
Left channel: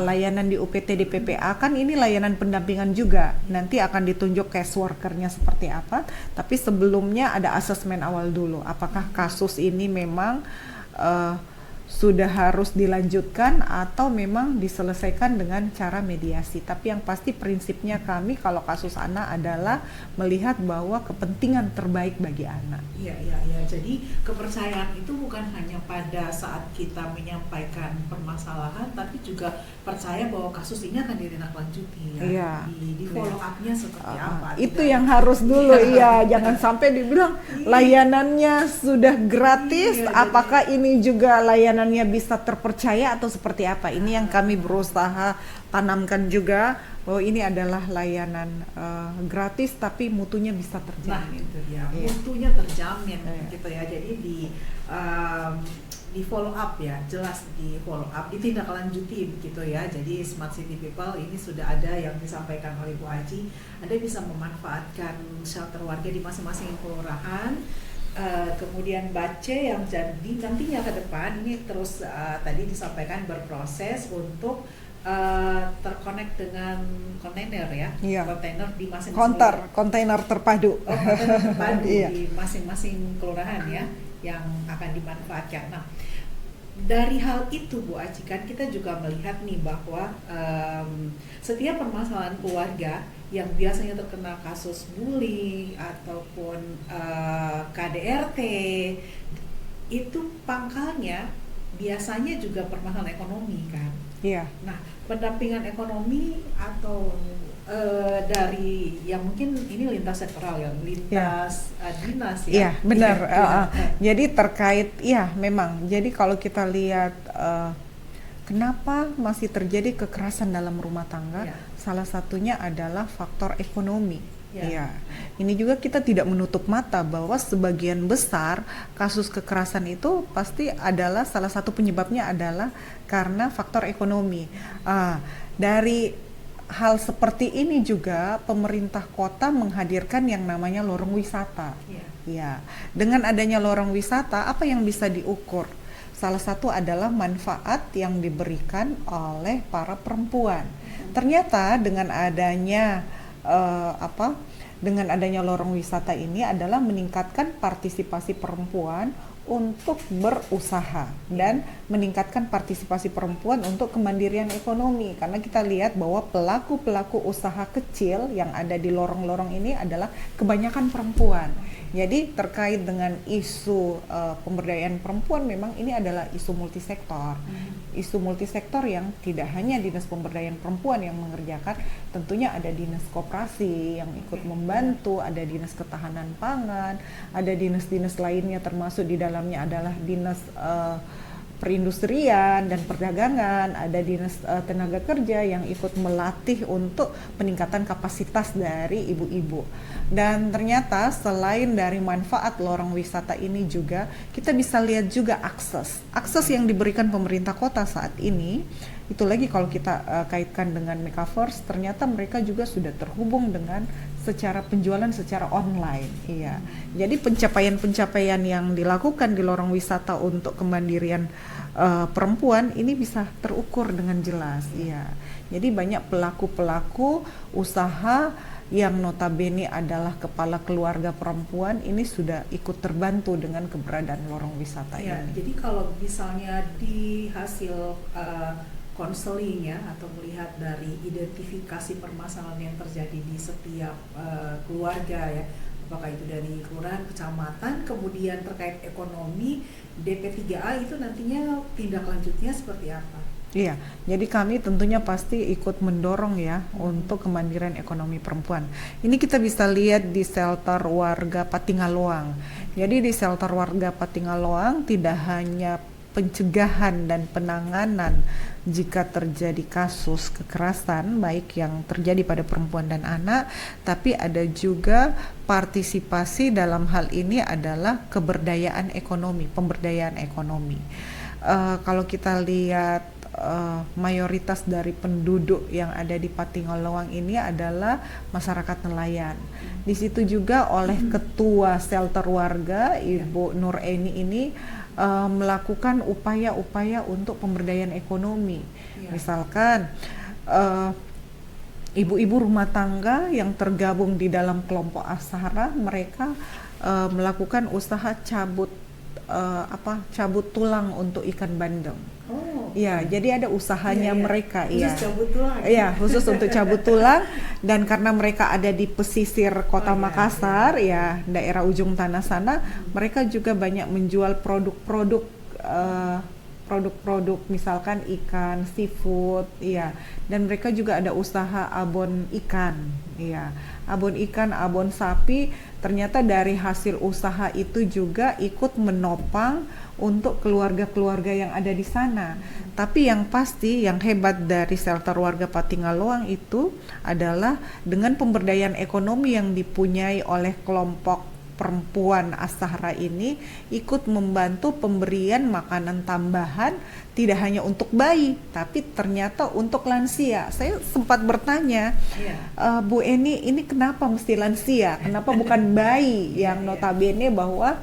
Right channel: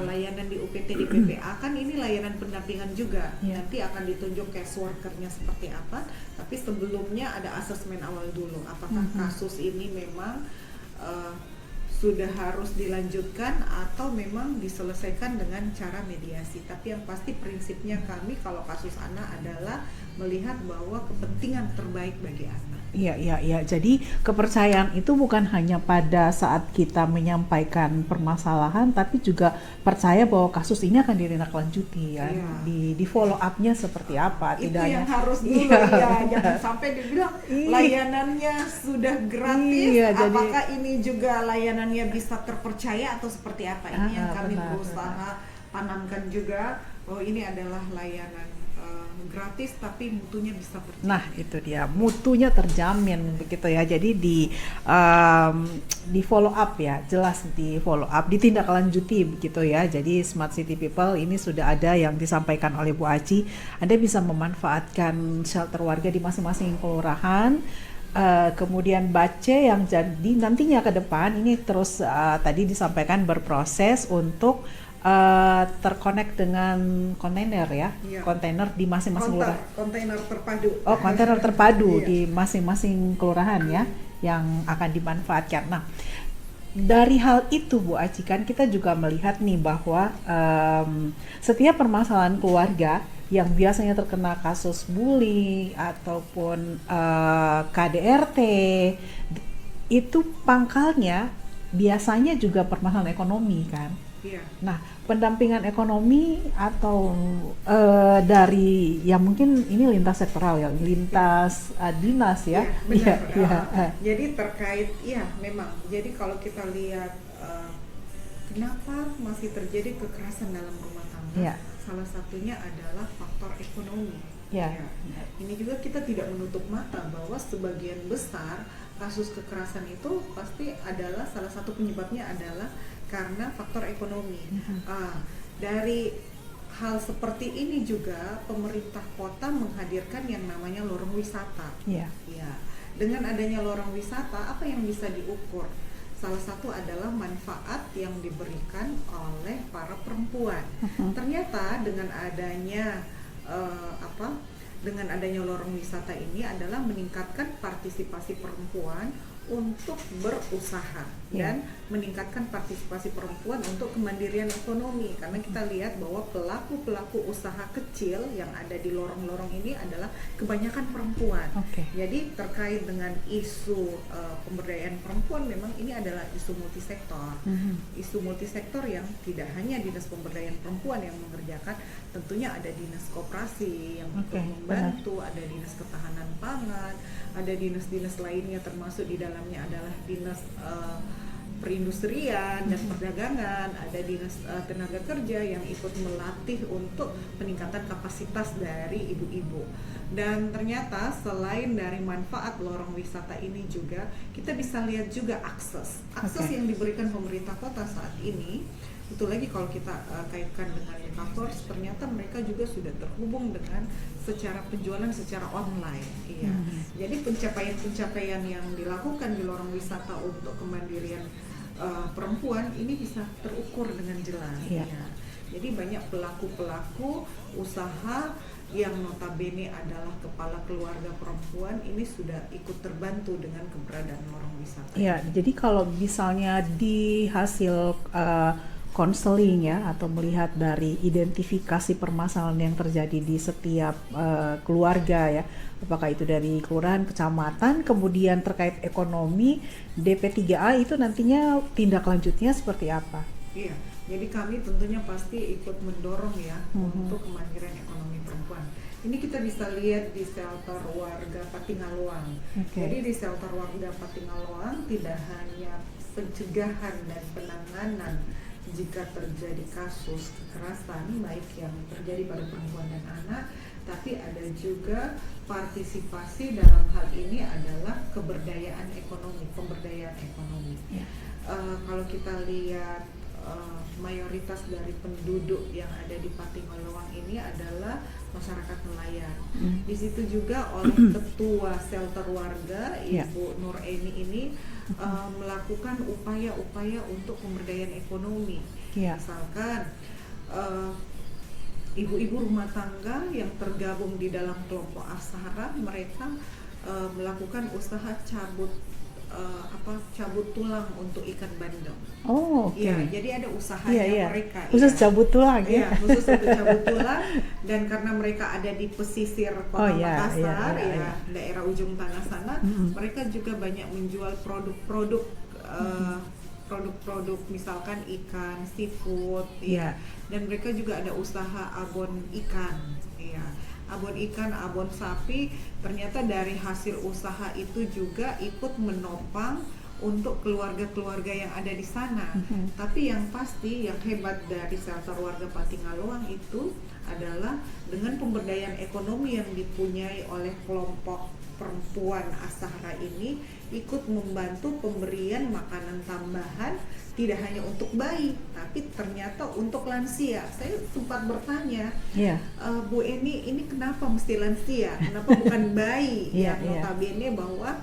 Layanan di UPTD PPA kan ini layanan pendampingan juga. Nanti akan ditunjuk case workernya seperti apa, tapi sebelumnya ada asesmen awal dulu. Apakah kasus ini memang sudah harus dilanjutkan atau memang diselesaikan dengan cara mediasi. Tapi yang pasti prinsipnya kami kalau kasus anak adalah melihat bahwa kepentingan terbaik bagi anak. Iya. Jadi kepercayaan itu bukan hanya pada saat kita menyampaikan permasalahan, tapi juga percaya bahwa kasus ini akan ditindaklanjuti ya. Iya. Di follow up-nya seperti apa. Itu tidak yang hanya- harus dulu ya, jangan sampai dibilang Iya. layanannya sudah gratis, Iya, jadi- apakah ini juga layanannya bisa terpercaya atau seperti apa? Ini yang kami benar. berusaha tanamkan juga. Oh, ini adalah layanan gratis tapi mutunya bisa terjamin. Nah, itu dia, mutunya terjamin begitu ya. Jadi di follow up ya, jelas di follow up, ditindaklanjuti begitu ya. Jadi Smart City People ini sudah ada yang disampaikan oleh Bu Aci. Anda bisa memanfaatkan shelter warga di masing-masing kelurahan. Kemudian Bace yang jadi nantinya ke depan ini terus tadi disampaikan berproses untuk terkonek dengan kontainer ya, Iya. kontainer di masing-masing kontainer terpadu. kontainer terpadu Iya. di masing-masing kelurahan ya yang akan dimanfaatkan. Nah, dari hal itu Bu Aci kan kita juga melihat nih bahwa setiap permasalahan keluarga yang biasanya terkena kasus bully ataupun KDRT itu pangkalnya biasanya juga permasalahan ekonomi kan. Iya. Nah, pendampingan ekonomi atau dari ya mungkin ini lintas sektoral ya, lintas dinas ya. Iya, benar. Iya. Jadi terkait, iya memang. Jadi kalau kita lihat kenapa masih terjadi kekerasan dalam rumah tangga, Iya. salah satunya adalah faktor ekonomi. Iya. Iya. Ini juga kita tidak menutup mata bahwa sebagian besar kasus kekerasan itu pasti adalah salah satu penyebabnya adalah karena faktor ekonomi. Dari hal seperti ini juga pemerintah kota menghadirkan yang namanya lorong wisata. Iya. Ya, dengan adanya lorong wisata, apa yang bisa diukur? Salah satu adalah manfaat yang diberikan oleh para perempuan. Ternyata dengan adanya dengan adanya lorong wisata ini adalah meningkatkan partisipasi perempuan untuk berusaha dan meningkatkan partisipasi perempuan untuk kemandirian ekonomi, karena kita lihat bahwa pelaku-pelaku usaha kecil yang ada di lorong-lorong ini adalah kebanyakan perempuan. Jadi terkait dengan isu pemberdayaan perempuan, memang ini adalah isu multisektor. Isu multisektor yang tidak hanya dinas pemberdayaan perempuan yang mengerjakan, tentunya ada dinas koperasi yang ikut membantu, ada dinas ketahanan pangan, ada dinas-dinas lainnya, termasuk di dalamnya adalah dinas perindustrian dan perdagangan, ada dinas tenaga kerja yang ikut melatih untuk peningkatan kapasitas dari ibu-ibu. Dan ternyata selain dari manfaat lorong wisata ini juga, kita bisa lihat juga akses yang diberikan pemerintah kota saat ini. Itu lagi kalau kita kaitkan dengan Mekaforce, ternyata mereka juga sudah terhubung dengan secara penjualan secara online. Iya. Jadi pencapaian-pencapaian yang dilakukan di lorong wisata untuk kemandirian perempuan ini bisa terukur dengan jelas. Iya. Jadi banyak pelaku-pelaku usaha yang notabene adalah kepala keluarga perempuan ini sudah ikut terbantu dengan keberadaan lorong wisata Iya, ini. jadi kalau misalnya di hasil konseling ya, atau melihat dari identifikasi permasalahan yang terjadi di setiap keluarga ya, apakah itu dari kelurahan, kecamatan, kemudian terkait ekonomi, DP3A itu nantinya tindak lanjutnya seperti apa? Iya, jadi kami tentunya pasti ikut mendorong ya untuk kemandirian ekonomi perempuan. Ini kita bisa lihat di shelter warga Patingaloang. Jadi di shelter warga Patingaloang tidak hanya pencegahan dan penanganan jika terjadi kasus kekerasan baik yang terjadi pada perempuan dan anak, tapi ada juga partisipasi dalam hal ini adalah pemberdayaan ekonomi. Kalau kita lihat mayoritas dari penduduk yang ada di Patingoloang ini adalah masyarakat nelayan. Di situ juga oleh ketua shelter warga Ibu Nur Eni ini melakukan upaya-upaya untuk pemberdayaan ekonomi. Misalkan ibu-ibu rumah tangga yang tergabung di dalam kelompok Asahara, mereka melakukan usaha cabut tulang untuk ikan bandeng. Iya, jadi ada usahanya mereka. Khusus cabut tulang. Iya, khusus untuk cabut tulang, dan karena mereka ada di pesisir kota Makassar, daerah ujung tanah sana, mereka juga banyak menjual produk-produk misalkan ikan, seafood, dan mereka juga ada usaha abon ikan, abon ikan, abon sapi. Ternyata dari hasil usaha itu juga ikut menopang untuk keluarga-keluarga yang ada di sana. Tapi yang pasti, yang hebat dari shelter warga Patingaloang itu adalah dengan pemberdayaan ekonomi yang dipunyai oleh kelompok perempuan Asahara ini, ikut membantu pemberian makanan tambahan tidak hanya untuk bayi, tapi ternyata untuk lansia. Saya sempat bertanya, Bu Eni, ini kenapa mesti lansia? Kenapa bukan bayi? Yang notabene bahwa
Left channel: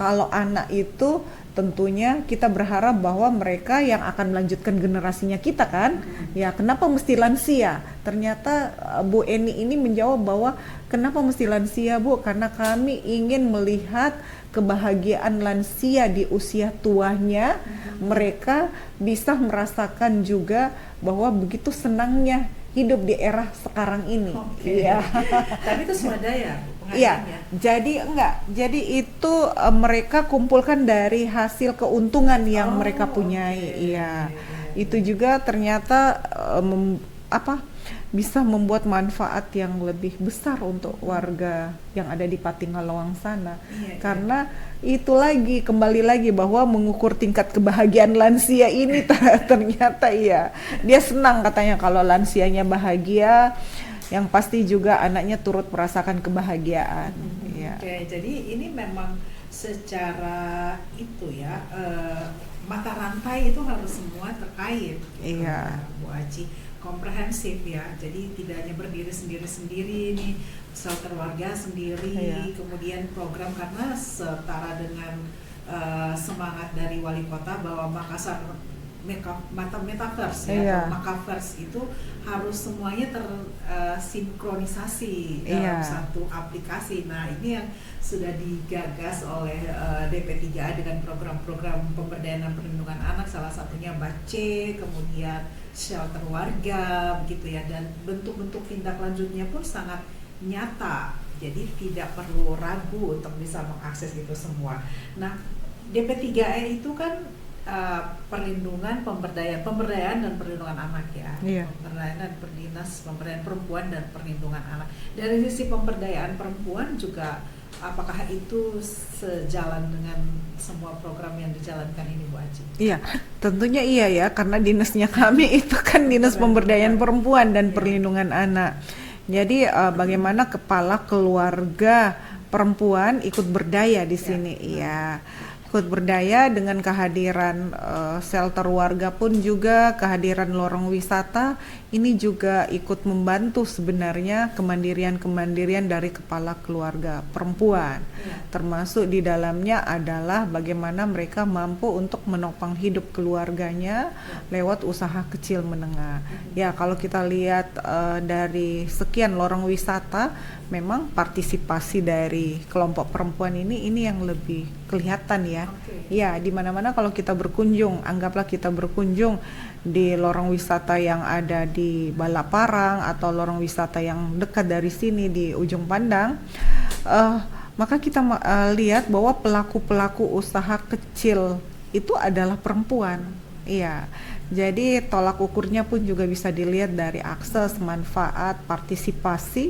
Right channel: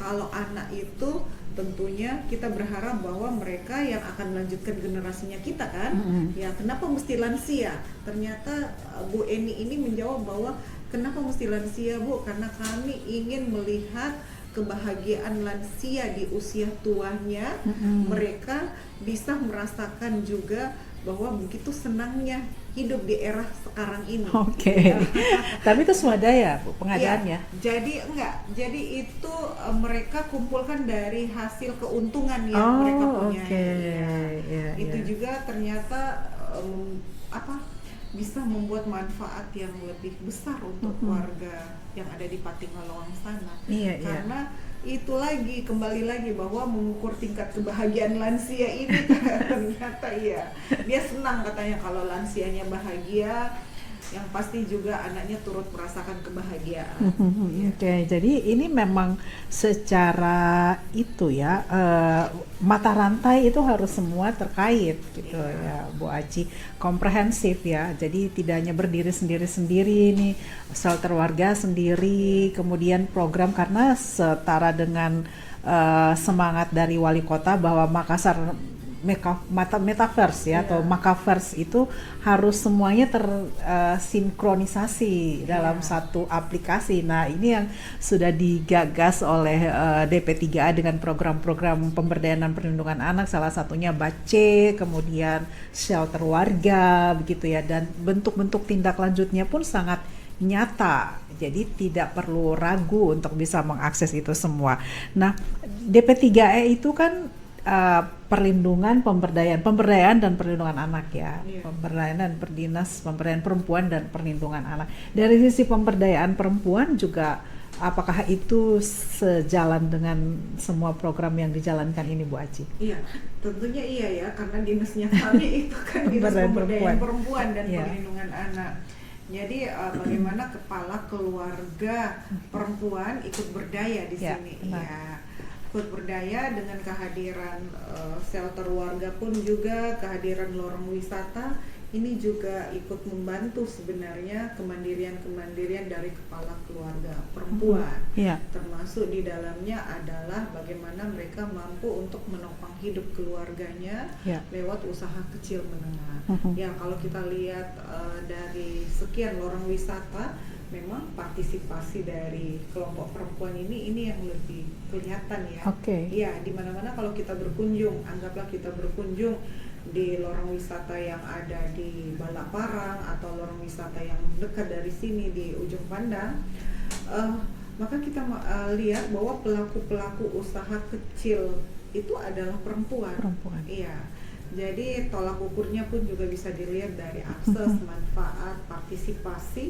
kalau anak itu tentunya kita berharap bahwa mereka yang akan melanjutkan generasinya kita kan, kenapa mesti lansia? Ternyata Bu Eni ini menjawab bahwa kenapa mesti lansia, Bu? Karena kami ingin melihat kebahagiaan lansia di usia tuanya, mereka bisa merasakan juga bahwa begitu senangnya hidup di era sekarang ini. Tapi itu swadaya, Bu, pengadaannya? Jadi itu mereka kumpulkan dari hasil keuntungan yang mereka punyai. itu juga ternyata bisa membuat manfaat yang lebih besar untuk warga yang ada di Patinggalawang sana. Karena itu lagi, kembali lagi bahwa mengukur tingkat kebahagiaan lansia ini ternyata dia senang katanya kalau lansianya bahagia, yang pasti juga anaknya turut merasakan kebahagiaan. Oke, jadi ini memang secara itu ya, mata rantai itu harus semua terkait gitu ya, Bu Aci, komprehensif ya. Jadi tidak hanya berdiri sendiri-sendiri nih, shelter warga sendiri, kemudian program, karena setara dengan semangat dari wali kota bahwa Makassar metaverse ya, atau Makaverse itu harus semuanya tersinkronisasi dalam satu aplikasi. Nah, ini yang sudah digagas oleh DP3A dengan program-program pemberdayaan dan perlindungan anak, salah satunya BACE, kemudian shelter warga begitu ya, dan bentuk-bentuk tindak lanjutnya pun sangat nyata. Jadi tidak perlu ragu untuk bisa mengakses itu semua. Nah, DP3E itu kan perlindungan, pemberdayaan dan perlindungan anak ya, pemberdayaan dan pemberdayaan perempuan dan perlindungan anak. Dari sisi pemberdayaan perempuan juga, apakah itu sejalan dengan semua program yang dijalankan ini, Bu Aci? Iya, tentunya iya ya, karena dinasnya kami itu kan dinas pemberdayaan perempuan dan perlindungan anak. Jadi bagaimana kepala keluarga perempuan ikut berdaya di sini, ikut berdaya dengan kehadiran shelter warga pun juga, kehadiran lorong wisata ini juga ikut membantu sebenarnya kemandirian dari kepala keluarga perempuan. Termasuk di dalamnya adalah bagaimana mereka mampu untuk menopang hidup keluarganya lewat usaha kecil menengah. Ya, kalau kita lihat dari sekian lorong wisata, memang partisipasi dari kelompok perempuan ini yang lebih kelihatan ya. Ya, di mana-mana kalau kita berkunjung, anggaplah kita berkunjung di lorong wisata yang ada di Balaparang atau lorong wisata yang dekat dari sini di Ujung Pandang, maka kita lihat bahwa pelaku-pelaku usaha kecil itu adalah perempuan. Iya. Jadi tolak ukurnya pun juga bisa dilihat dari akses, manfaat, partisipasi,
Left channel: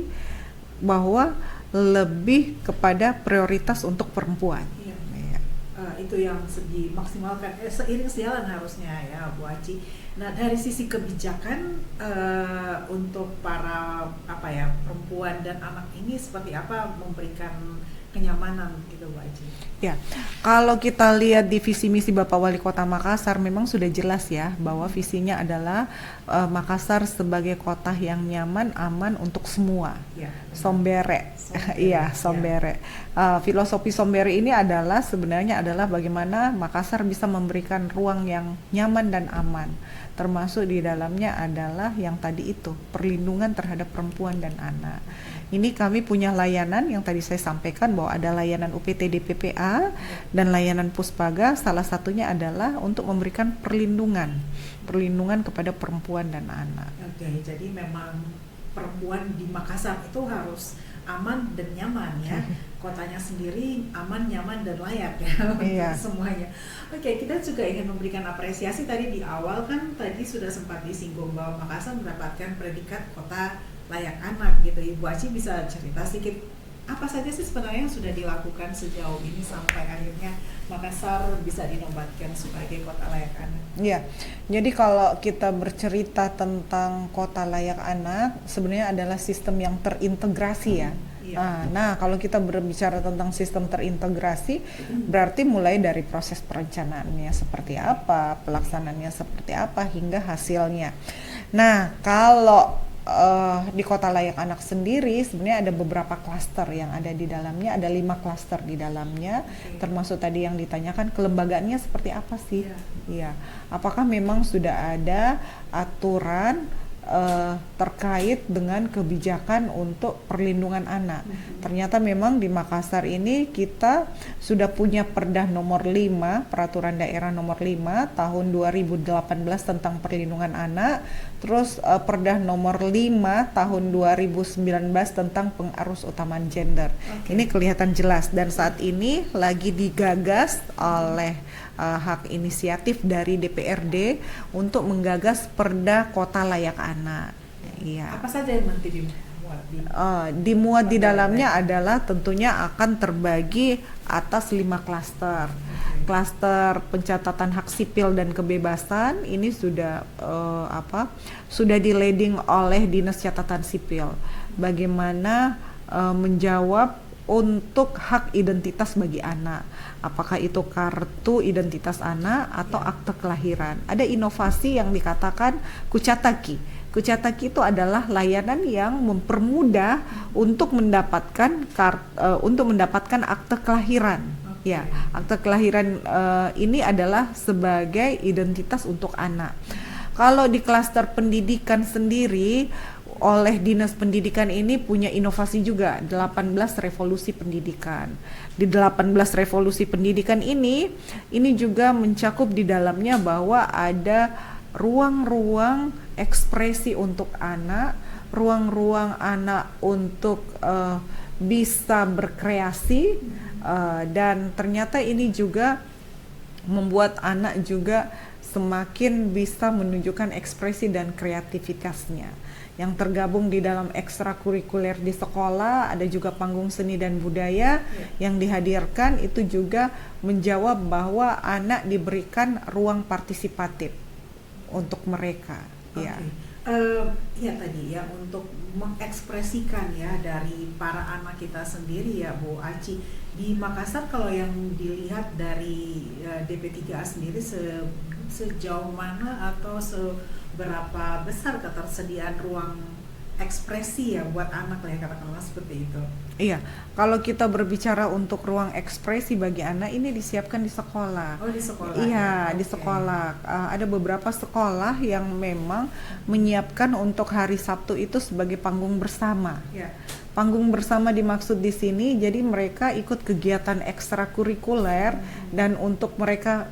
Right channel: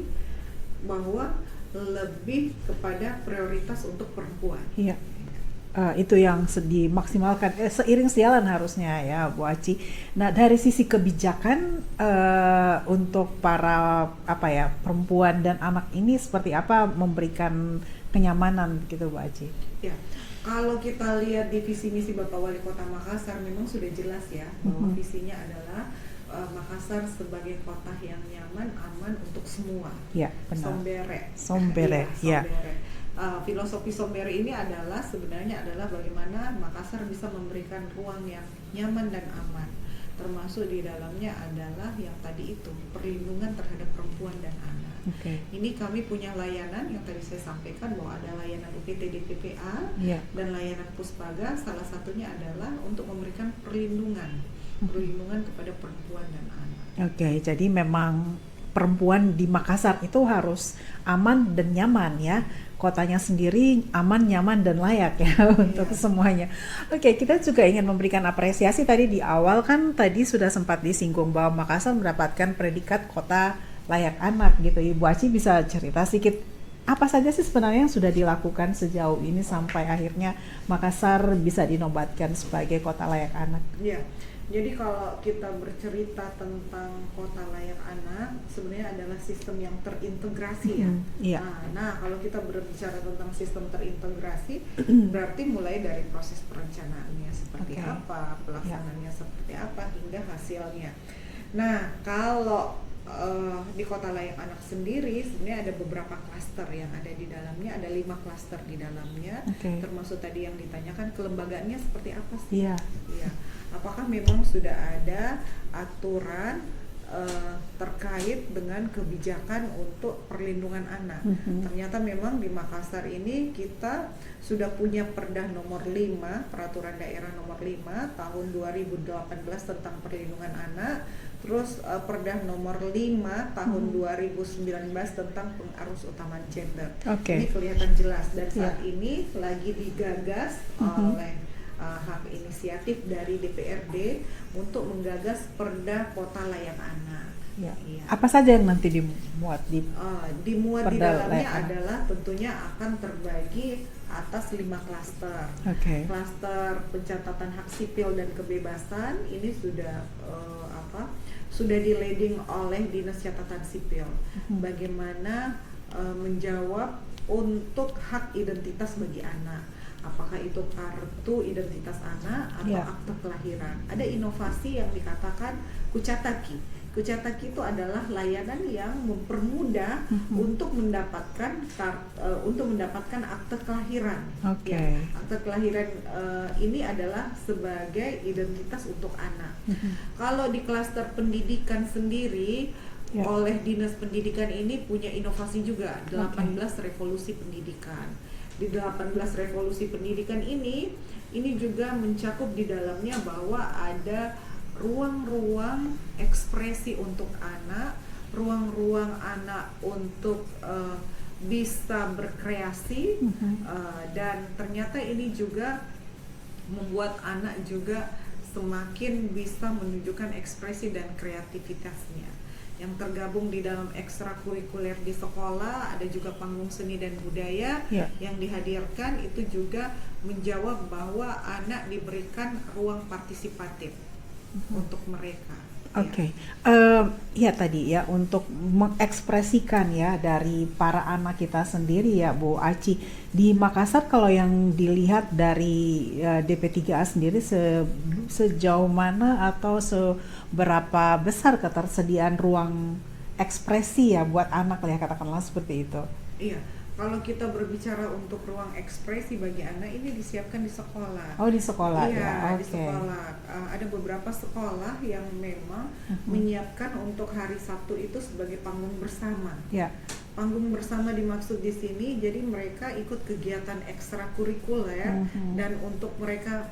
bahwa lebih kepada prioritas untuk perempuan. Itu yang dimaksimalkan, seiring sejalan harusnya ya, Bu Aci. Nah, dari sisi kebijakan untuk para perempuan dan anak ini seperti apa memberikan kenyamanan gitu, Bu Aci? Ya, kalau kita lihat di visi misi Bapak Wali Kota Makassar memang sudah jelas ya bahwa visinya adalah Makassar sebagai kota yang nyaman, aman untuk semua. Sombere. Sombere. Filosofi Sombere ini sebenarnya adalah bagaimana Makassar bisa memberikan ruang yang nyaman dan aman. Termasuk di dalamnya adalah yang tadi itu, perlindungan terhadap perempuan dan anak. Ini kami punya layanan yang tadi saya sampaikan bahwa ada layanan UPTD PPA dan layanan Puspaga, salah satunya adalah untuk memberikan perlindungan kepada perempuan dan anak. Jadi memang perempuan di Makassar itu harus aman dan nyaman ya. Kotanya sendiri aman, nyaman dan layak ya untuk semuanya. Kita juga ingin memberikan apresiasi. Tadi di awal kan tadi sudah sempat disinggung bahwa Makassar mendapatkan predikat kota layak anak gitu. Ibu Aci bisa cerita sedikit apa saja sih sebenarnya yang sudah dilakukan sejauh ini sampai akhirnya Makassar bisa dinobatkan sebagai kota layak anak? Jadi kalau kita bercerita tentang kota layak anak, sebenarnya adalah sistem yang terintegrasi ya. Nah, kalau kita berbicara tentang sistem terintegrasi, berarti mulai dari proses perencanaannya seperti apa, pelaksanaannya seperti apa, hingga hasilnya. Nah, kalau di kota layak anak sendiri sebenarnya ada beberapa klaster yang ada di dalamnya, ada 5 klaster di dalamnya, termasuk tadi yang ditanyakan kelembagaannya seperti apa sih? Apakah memang sudah ada aturan terkait dengan kebijakan untuk perlindungan anak. Ternyata memang di Makassar ini kita sudah punya Perda nomor 5, Peraturan Daerah nomor 5 tahun 2018 tentang perlindungan anak. Terus Perda nomor 5 tahun 2019 tentang pengarus utamaan gender. Ini kelihatan jelas dan saat ini lagi digagas oleh hak inisiatif dari DPRD untuk menggagas Perda Kota Layak Anak. Iya. Apa saja yang nanti dimuat Dimuat di Perda dalamnya Layak adalah tentunya akan terbagi atas 5 klaster. Klaster pencatatan hak sipil dan kebebasan ini sudah sudah di-leading oleh Dinas Catatan Sipil. Bagaimana menjawab untuk hak identitas bagi anak. Apakah itu kartu identitas anak atau akte kelahiran. Ada inovasi yang dikatakan Kucataki. Kucataki itu adalah layanan yang mempermudah untuk mendapatkan akte kelahiran. Ya, akte kelahiran ini adalah sebagai identitas untuk anak. Kalau di klaster pendidikan sendiri, oleh Dinas Pendidikan ini punya inovasi juga, 18 revolusi pendidikan. Di 18 revolusi pendidikan ini juga mencakup di dalamnya bahwa ada ruang-ruang ekspresi untuk anak, ruang-ruang anak untuk bisa berkreasi, dan ternyata ini juga membuat anak juga semakin bisa menunjukkan ekspresi dan kreativitasnya. Yang tergabung di dalam ekstrakurikuler di sekolah, ada juga panggung seni dan budaya yang dihadirkan, itu juga menjawab bahwa anak diberikan ruang partisipatif untuk mereka. Tadi ya, untuk mengekspresikan ya dari para anak kita sendiri ya Bu Aci. Di Makassar kalau yang dilihat dari DP3A sendiri sejauh mana atau seberapa besar ketersediaan ruang ekspresi ya buat anak ya, katakanlah seperti itu. Iya, kalau kita berbicara untuk ruang ekspresi bagi anak ini disiapkan di sekolah. Oh, di sekolah. Iya, di sekolah. Ada beberapa sekolah yang memang menyiapkan untuk hari Sabtu itu sebagai panggung bersama. Ya. Panggung bersama dimaksud di sini, jadi mereka ikut kegiatan ekstrakurikuler dan untuk mereka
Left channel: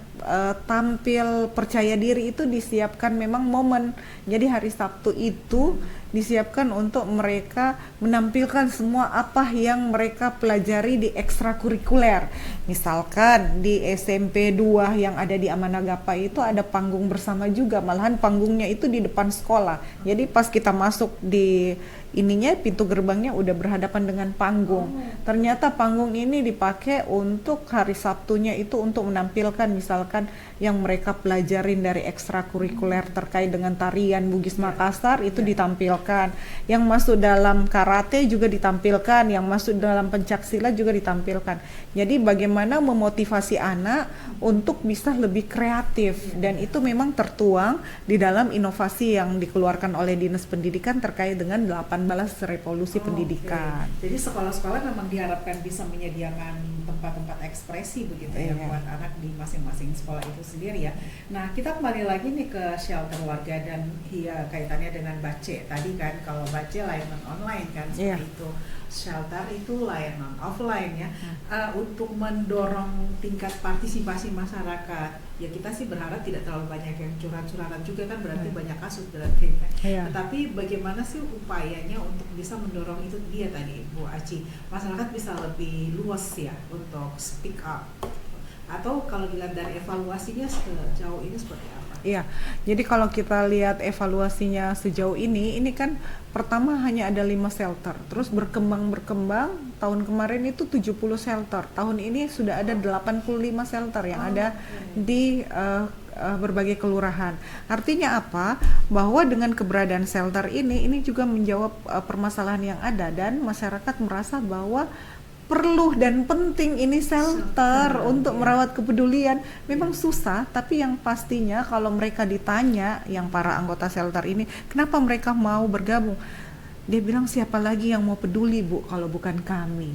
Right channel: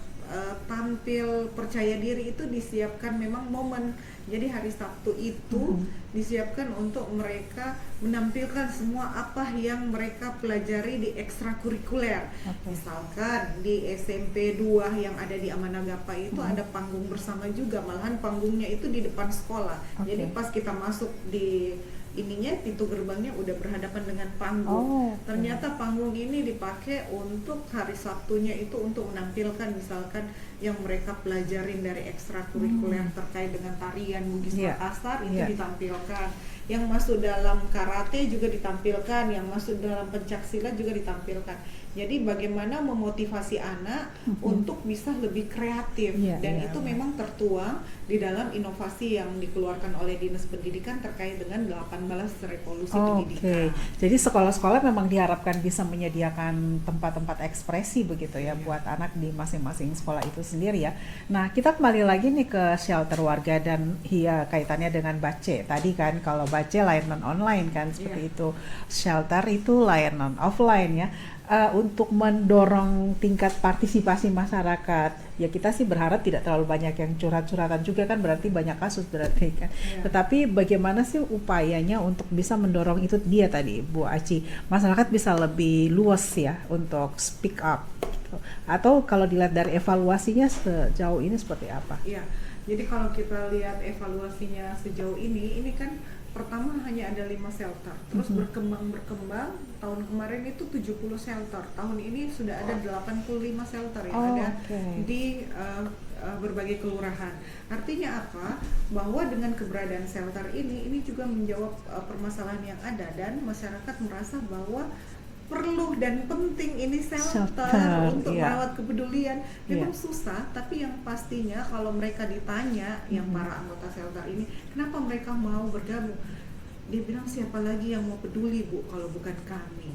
tampil percaya diri itu disiapkan memang momen. Jadi hari Sabtu itu disiapkan untuk mereka menampilkan semua apa yang mereka pelajari di ekstrakurikuler. Misalkan di SMP 2 yang ada di Amanagapa itu ada panggung bersama juga, malahan panggungnya itu di depan sekolah. Jadi pas kita masuk di ininya, pintu gerbangnya udah berhadapan dengan panggung. Ternyata panggung ini dipakai untuk hari Sabtunya itu untuk menampilkan misalkan yang mereka pelajarin dari ekstrakurikuler terkait dengan tarian Bugis Makassar itu ditampilkan. Yang masuk dalam karate juga ditampilkan, yang masuk dalam pencaksilat juga ditampilkan. Jadi bagaimana memotivasi anak untuk bisa lebih kreatif, dan itu memang tertuang di dalam inovasi yang dikeluarkan oleh Dinas Pendidikan terkait dengan 18 revolusi pendidikan. Jadi sekolah-sekolah memang diharapkan bisa menyediakan tempat-tempat ekspresi begitu ya buat anak di masing-masing sekolah itu sendiri ya. Nah, kita kembali lagi nih ke shelter warga dan kaitannya dengan Bace. Tadi kan kalau Bace layanan online kan seperti itu. Shelter itu layanan offline ya. Untuk mendorong tingkat partisipasi masyarakat, ya kita sih berharap tidak terlalu banyak yang curhat-curhatan juga kan, berarti banyak kasus berarti kan. Tetapi bagaimana sih upayanya untuk bisa mendorong itu, dia tadi Bu Aci, masyarakat bisa lebih luas ya untuk speak up. Atau kalau dilihat dari evaluasinya sejauh ini seperti apa? Iya, jadi kalau kita lihat evaluasinya sejauh ini kan pertama hanya ada 5 shelter, terus berkembang, tahun kemarin itu 70 shelter, tahun ini sudah ada 85 shelter yang ada di berbagai kelurahan. Artinya apa? Bahwa dengan keberadaan shelter ini juga menjawab permasalahan yang ada, dan masyarakat merasa bahwa perlu dan penting ini shelter untuk merawat kepedulian. Memang susah, tapi yang pastinya kalau mereka ditanya, yang para anggota shelter ini, kenapa mereka mau bergabung? Dia bilang, siapa lagi yang mau peduli Bu kalau bukan kami?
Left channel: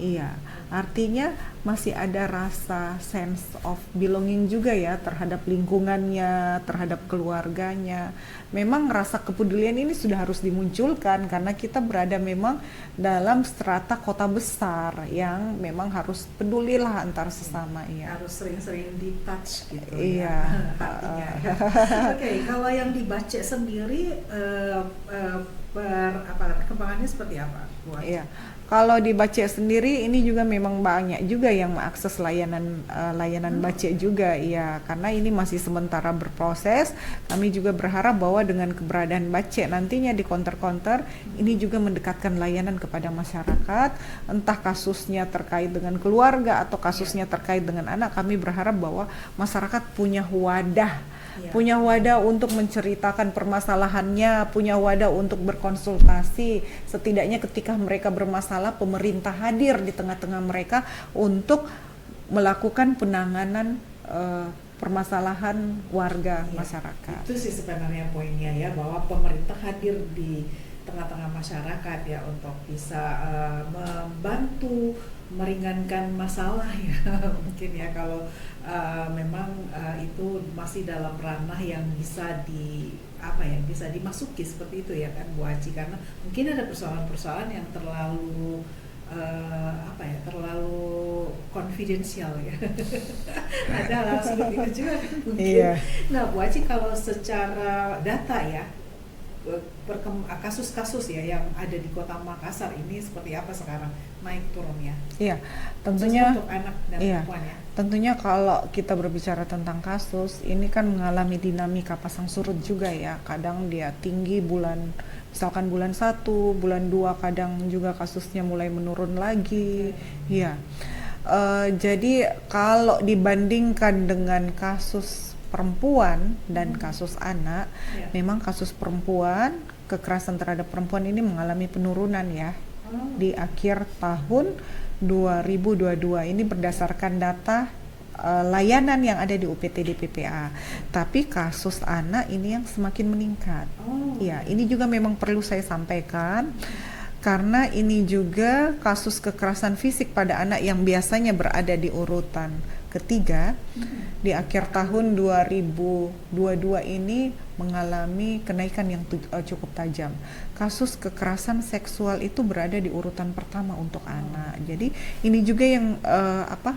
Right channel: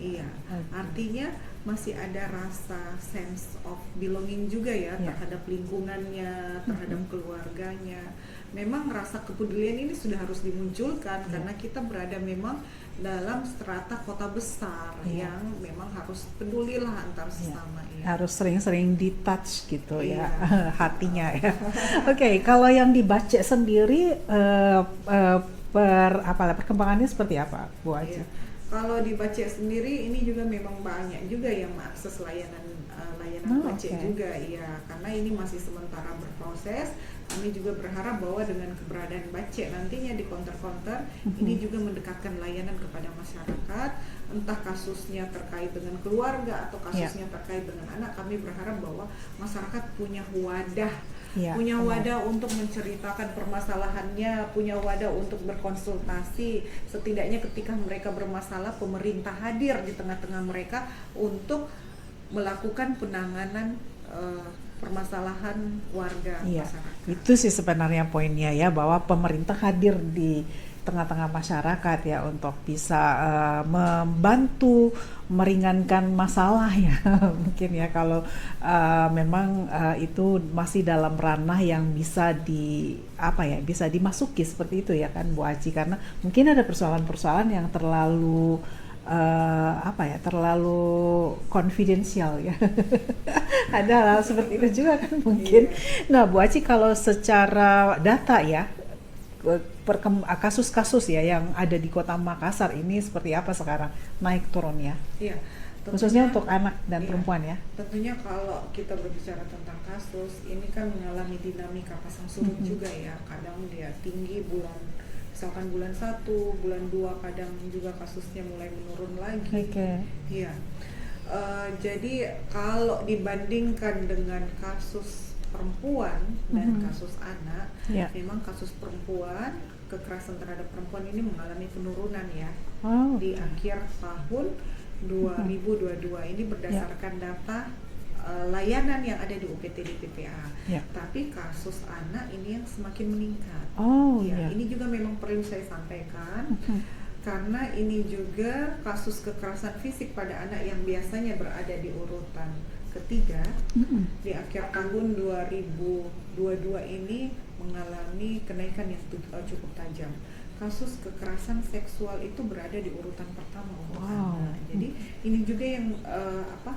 Iya, artinya masih ada rasa sense of belonging juga ya terhadap lingkungannya, terhadap keluarganya. Memang rasa kepedulian ini sudah harus dimunculkan karena kita berada memang dalam strata kota besar yang memang harus pedulilah antar sesama ya. Harus sering-sering di touch gitu Iya. ya hatinya ya. Oke, kalau yang dibaca sendiri perkembangannya seperti apa, Bu Aci? Iya. Kalau di Bace sendiri ini juga memang banyak juga yang mengakses layanan Bace juga ya, karena ini masih sementara berproses. Kami juga berharap bahwa dengan keberadaan Bace nantinya di counter-counter ini juga mendekatkan layanan kepada masyarakat, entah kasusnya terkait dengan keluarga atau kasusnya terkait dengan anak. Kami berharap bahwa masyarakat punya wadah untuk menceritakan permasalahannya, punya wadah untuk berkonsultasi. Setidaknya ketika mereka bermasalah, pemerintah hadir di tengah-tengah mereka untuk melakukan penanganan permasalahan warga masyarakat. Itu sih sebenarnya poinnya ya, bahwa pemerintah hadir di tengah-tengah masyarakat ya untuk bisa membantu meringankan masalah ya mungkin ya, kalau memang itu masih dalam ranah yang bisa bisa dimasuki seperti itu ya kan Bu Aci, karena mungkin ada persoalan-persoalan yang terlalu terlalu konfidensial ya. Ada hal seperti itu juga kan mungkin. Nah Bu Aci, kalau secara data ya kasus-kasus ya yang ada di Kota Makassar ini seperti apa sekarang, naik turunnya? Iya, tentunya untuk anak dan perempuan ya. Tentunya kalau kita berbicara tentang kasus ini kan mengalami dinamika pasang surut juga ya. Kadang dia tinggi misalkan bulan 1, bulan 2 kadang juga kasusnya mulai menurun lagi. Iya. Jadi kalau dibandingkan dengan kasus perempuan dan kasus anak, memang kasus perempuan, kekerasan terhadap perempuan ini mengalami penurunan ya di akhir tahun 2022 ini berdasarkan data layanan yang ada di UPTD PPA. Tapi kasus anak ini yang semakin meningkat. Ini juga memang perlu saya sampaikan. Karena ini juga kasus kekerasan fisik pada anak yang biasanya berada di urutan ketiga di akhir tahun 2022 ini mengalami kenaikan yang cukup tajam. Kasus kekerasan seksual itu berada di urutan pertama untuk anak. Jadi ini juga yang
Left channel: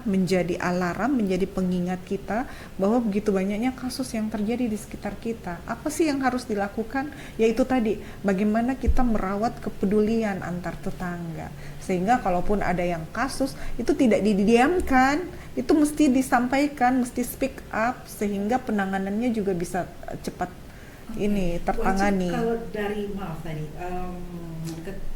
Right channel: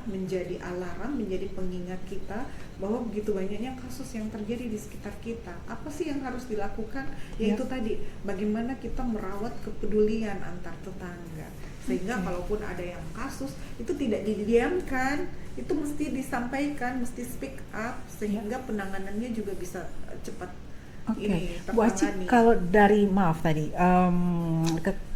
menjadi alarm, menjadi pengingat kita bahwa begitu banyaknya kasus yang terjadi di sekitar kita. Apa sih yang harus dilakukan? Yaitu tadi bagaimana kita merawat kepedulian antar tetangga. Sehingga kalaupun ada yang kasus itu tidak didiamkan, itu mesti disampaikan, mesti speak up sehingga penanganannya juga bisa cepat tertangani. Kalau dari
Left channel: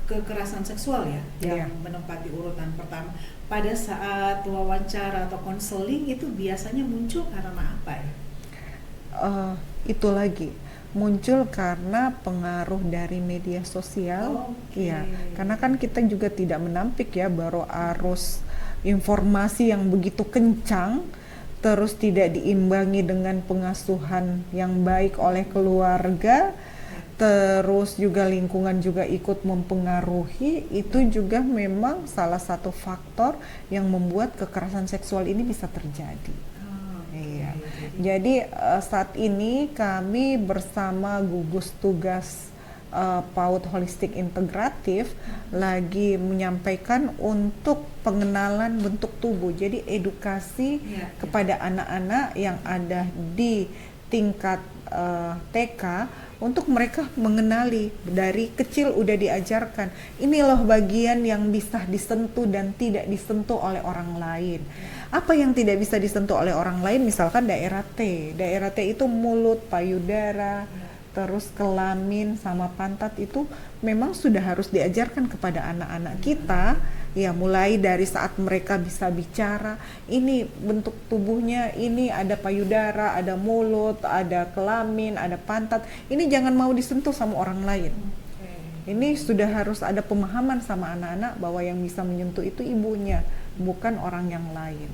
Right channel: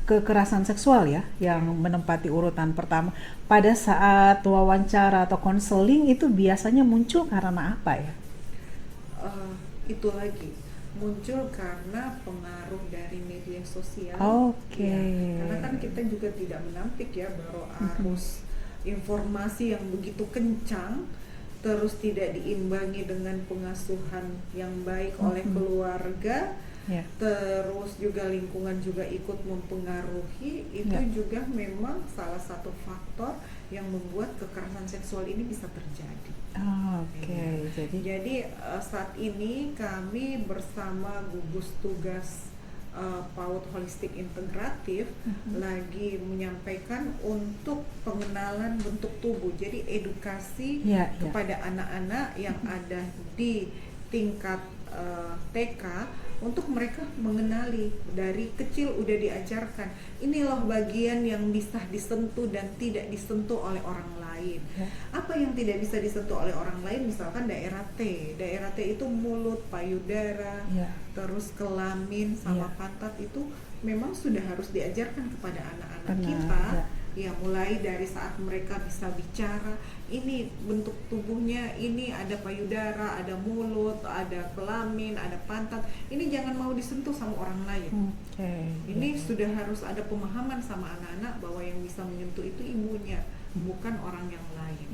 kekerasan seksual ya yang menempati urutan pertama, pada saat wawancara atau konseling itu biasanya muncul karena apa ya? Itu lagi muncul karena pengaruh dari media sosial. Karena kan kita juga tidak menampik ya, baru arus informasi yang begitu kencang, terus tidak diimbangi dengan pengasuhan yang baik oleh keluarga, terus juga lingkungan juga ikut mempengaruhi, itu juga memang salah satu faktor yang membuat kekerasan seksual ini bisa terjadi. Jadi saat ini kami bersama gugus tugas PAUD Holistik Integratif lagi menyampaikan untuk pengenalan bentuk tubuh. Jadi edukasi kepada anak-anak yang ada di tingkat TK untuk mereka mengenali dari kecil udah diajarkan ini loh bagian yang bisa disentuh dan tidak disentuh oleh orang lain. Apa yang tidak bisa disentuh oleh orang lain? Misalkan daerah T itu mulut, payudara, terus kelamin sama pantat, itu memang sudah harus diajarkan kepada anak-anak kita. Ya, mulai dari saat mereka bisa bicara, ini bentuk tubuhnya, ini ada payudara, ada mulut, ada kelamin, ada pantat. Ini jangan mau disentuh sama orang lain. Ini sudah harus ada pemahaman sama anak-anak bahwa yang bisa menyentuh itu ibunya, bukan orang yang lain.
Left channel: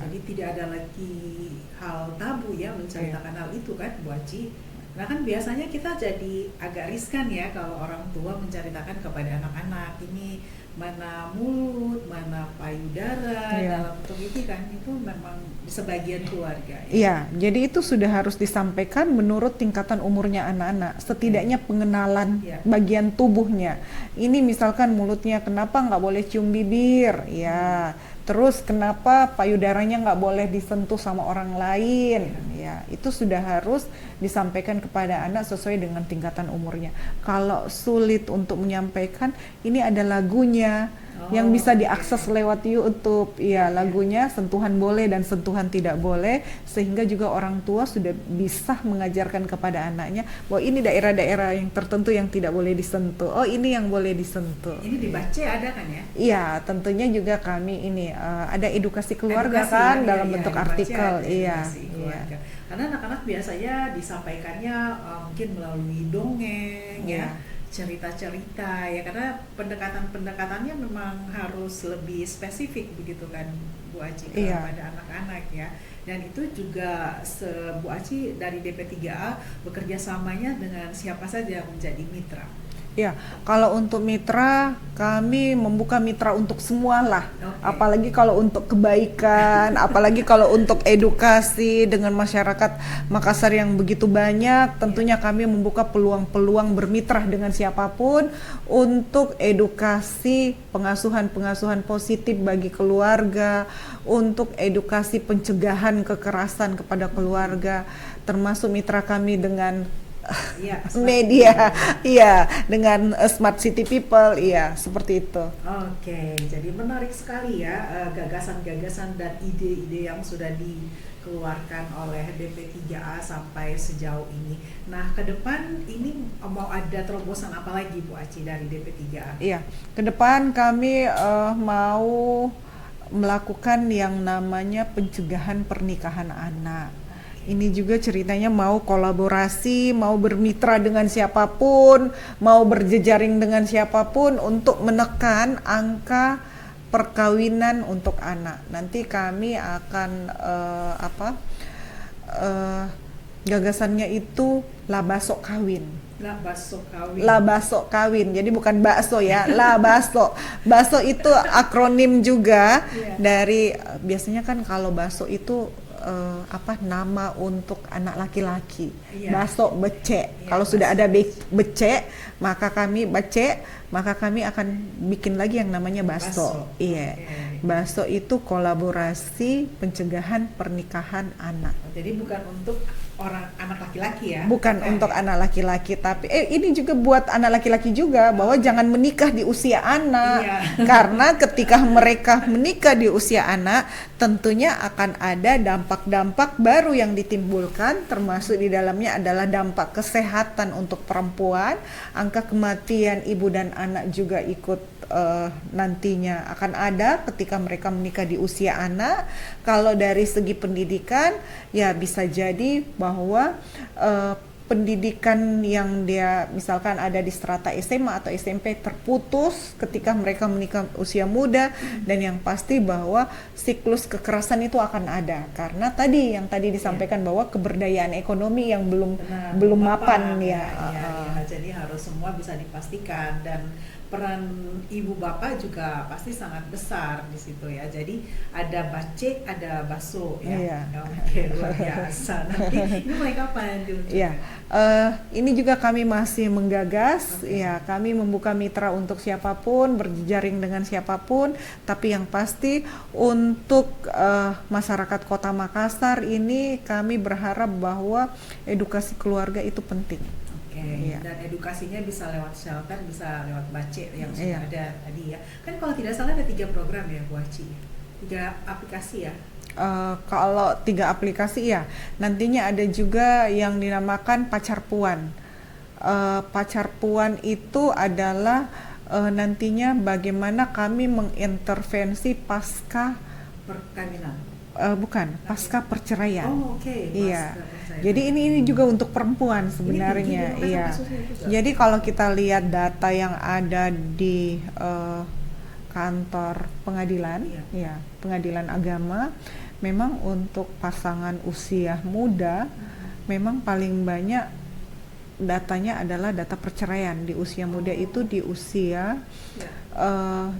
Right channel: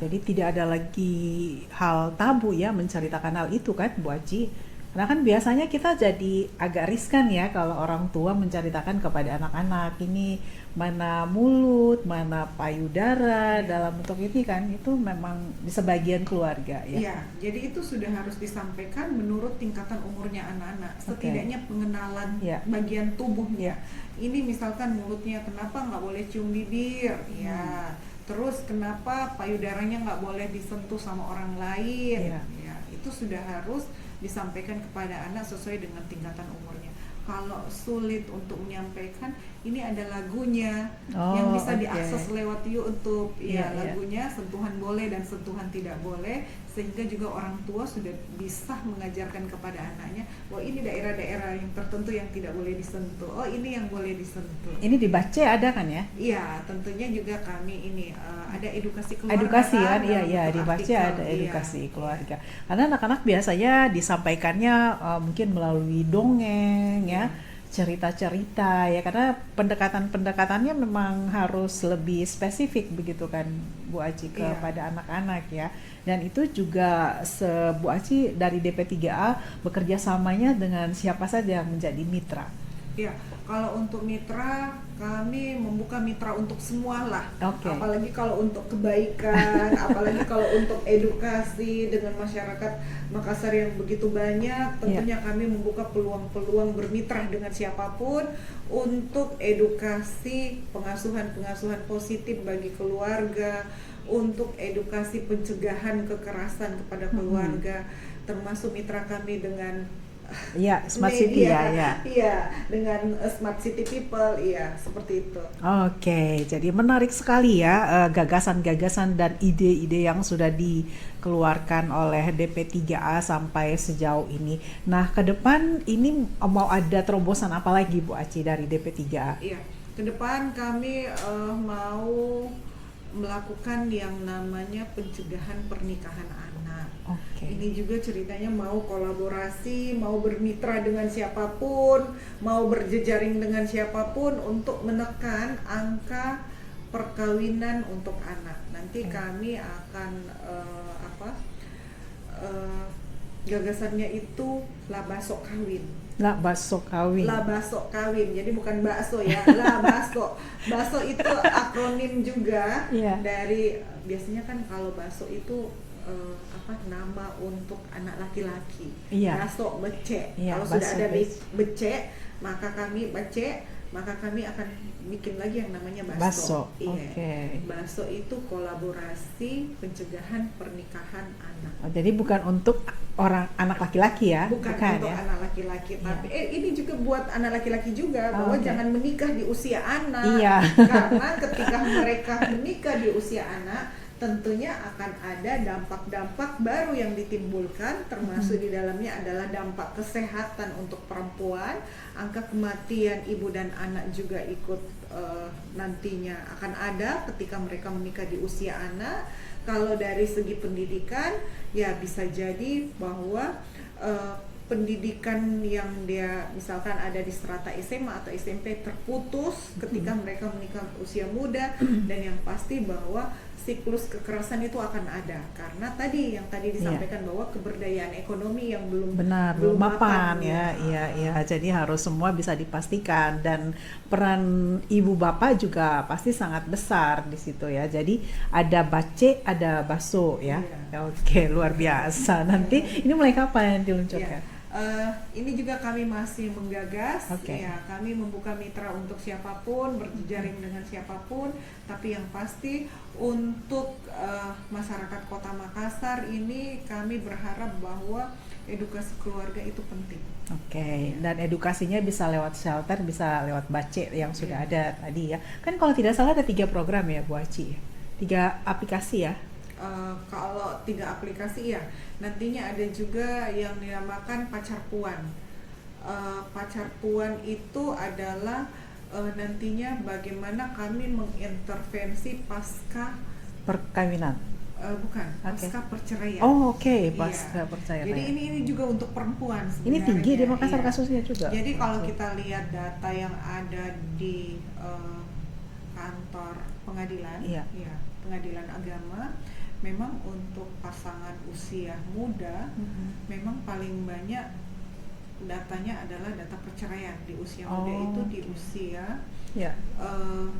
Jadi tidak ada lagi hal tabu ya menceritakan hal itu kan, Bu Aci. Karena kan biasanya kita jadi agak riskan ya kalau orang tua menceritakan kepada anak-anak, ini mana mulut, mana payudara dalam bentuk ini kan itu memang di sebagian keluarga. Iya, jadi itu sudah harus disampaikan menurut tingkatan umurnya anak-anak. Setidaknya pengenalan bagian tubuhnya. Ini misalkan mulutnya kenapa nggak boleh cium bibir, ya. Terus kenapa payudaranya nggak boleh disentuh sama orang lain, ya itu sudah harus disampaikan kepada anak sesuai dengan tingkatan umurnya. Kalau sulit untuk menyampaikan, ini ada lagunya yang bisa diakses lewat YouTube, lagunya sentuhan boleh dan sentuhan tidak boleh, sehingga juga orang tua sudah bisa mengajarkan kepada anaknya bahwa ini daerah-daerah yang tertentu yang tidak boleh disentuh, oh ini yang boleh disentuh. Ini dibaca ada kan ya? Iya, tentunya juga kami ini ada edukasi keluarga kan dalam bentuk artikel, edukasi keluarga. Karena anak-anak biasanya disampaikannya mungkin melalui dongeng, cerita-cerita ya, karena pendekatan-pendekatannya memang harus lebih spesifik begitu kan Bu Aci kepada anak-anak ya. Dan itu juga Bu Aci dari DP3A bekerja samanya dengan siapa saja yang menjadi mitra? Ya, kalau untuk mitra, kami membuka mitra untuk semua lah. Apalagi kalau untuk kebaikan, apalagi kalau untuk edukasi dengan masyarakat Makassar yang begitu banyak, tentunya kami membuka peluang-peluang bermitra dengan siapapun untuk edukasi pengasuhan-pengasuhan positif bagi keluarga, untuk edukasi pencegahan kekerasan kepada keluarga, termasuk mitra kami dengan media, dengan Smart City People, seperti itu. Oke, jadi menarik sekali ya gagasan-gagasan dan ide-ide yang sudah dikeluarkan oleh DP3A sampai sejauh ini. Nah, ke depan ini mau ada terobosan apa lagi Bu Aci dari DP3A? Iya, ke depan kami mau melakukan yang namanya pencegahan pernikahan anak. Ini juga ceritanya mau kolaborasi, mau bermitra dengan siapapun, mau berjejaring dengan siapapun untuk menekan angka perkawinan untuk anak. Nanti kami akan gagasannya itu labasok kawin. Labasok kawin. Jadi bukan bakso ya, labasok. Bakso itu akronim juga dari biasanya kan kalau bakso itu nama untuk anak laki-laki. Bakso becek. Kalau sudah ada becek, maka kami akan bikin lagi yang namanya bakso. Bakso itu kolaborasi pencegahan pernikahan anak. Jadi bukan untuk anak laki-laki ya? Bukan untuk anak laki-laki, tapi ini juga buat anak laki-laki juga bahwa jangan menikah di usia anak. Karena ketika mereka menikah di usia anak, tentunya akan ada dampak-dampak baru yang ditimbulkan, termasuk di dalamnya adalah dampak kesehatan untuk perempuan, angka kematian ibu dan anak juga ikut nantinya akan ada ketika mereka menikah di usia anak. Kalau dari segi pendidikan, ya bisa jadi bahwa pendidikan yang dia misalkan ada di strata SMA atau SMP terputus ketika mereka menikah usia muda, dan yang pasti bahwa siklus kekerasan itu akan ada karena yang tadi disampaikan bahwa keberdayaan ekonomi yang belum mapan ya. Jadi harus semua bisa dipastikan, dan peran ibu bapak juga pasti sangat besar di situ ya. Jadi ada bace, ada baso ya. Oke, luar biasa. Nanti ini mulai kapan diluncurkan? Ini juga kami masih menggagas, kami membuka mitra untuk siapapun, berjejaring dengan siapapun, tapi yang pasti untuk masyarakat Kota Makassar ini kami berharap bahwa edukasi keluarga itu penting. Dan edukasinya bisa lewat shelter, bisa lewat bace yang sudah ada tadi ya. Kan kalau tidak salah ada 3 program ya Bu Aci, 3 aplikasi ya. Kalau 3 aplikasi ya, nantinya ada juga yang dinamakan Pacar Puan. Pacar Puan itu adalah nantinya bagaimana kami mengintervensi pasca perkawinan. Pasca perceraian. Pasca perceraian. Jadi ini juga untuk perempuan sebenarnya. Ini tinggi di kasusnya juga. Jadi kalau kita lihat data yang ada di kantor pengadilan, pengadilan agama, memang untuk pasangan usia muda, memang paling banyak datanya adalah data perceraian di usia muda Oh. itu di usia Ya.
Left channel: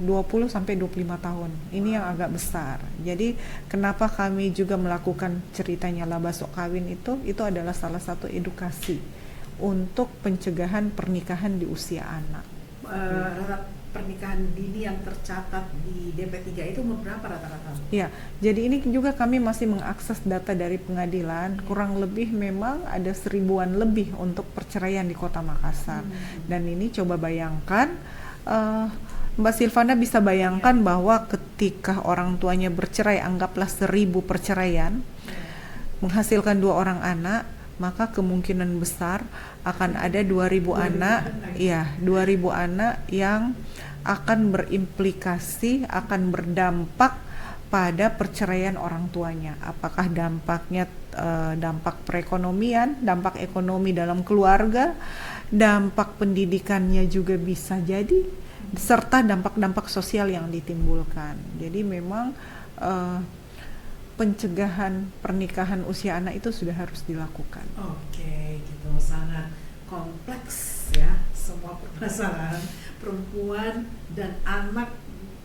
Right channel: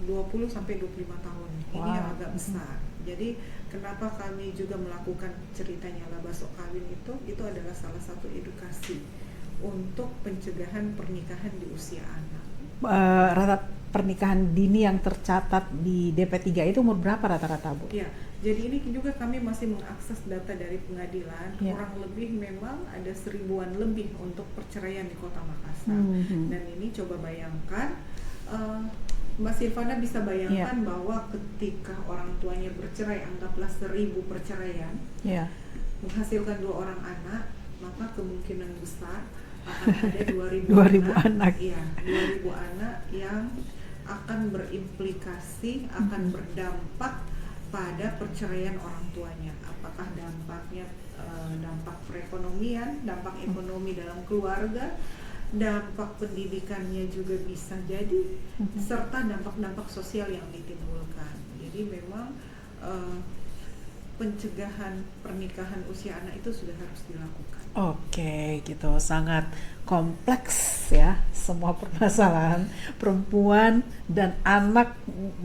20 sampai 25 tahun. Ini yang Wow. agak besar. Jadi kenapa kami juga melakukan ceritanya Labasok Kawin itu adalah salah satu edukasi untuk pencegahan pernikahan di usia anak. Rata pernikahan dini yang tercatat di DP3 itu umur berapa rata-rata, Bu? Ya, jadi ini juga kami masih mengakses data dari pengadilan. Ya. Kurang lebih memang ada 1000-an lebih untuk perceraian di Kota Makassar. Dan ini coba bayangkan, Mbak Silvana bisa bayangkan bahwa ketika orang tuanya bercerai, anggaplah 1000 perceraian, Ya. menghasilkan 2 orang anak, maka kemungkinan besar akan ada 2000 2.000 anak. Iya, 2000 anak yang akan berimplikasi, akan berdampak pada perceraian orang tuanya. Apakah dampaknya dampak perekonomian, dampak ekonomi dalam keluarga, dampak pendidikannya juga bisa jadi, serta dampak-dampak sosial yang ditimbulkan. Jadi memang pencegahan pernikahan usia anak itu sudah harus dilakukan. Oke, gitu. Sangat kompleks ya, semua permasalahan perempuan dan anak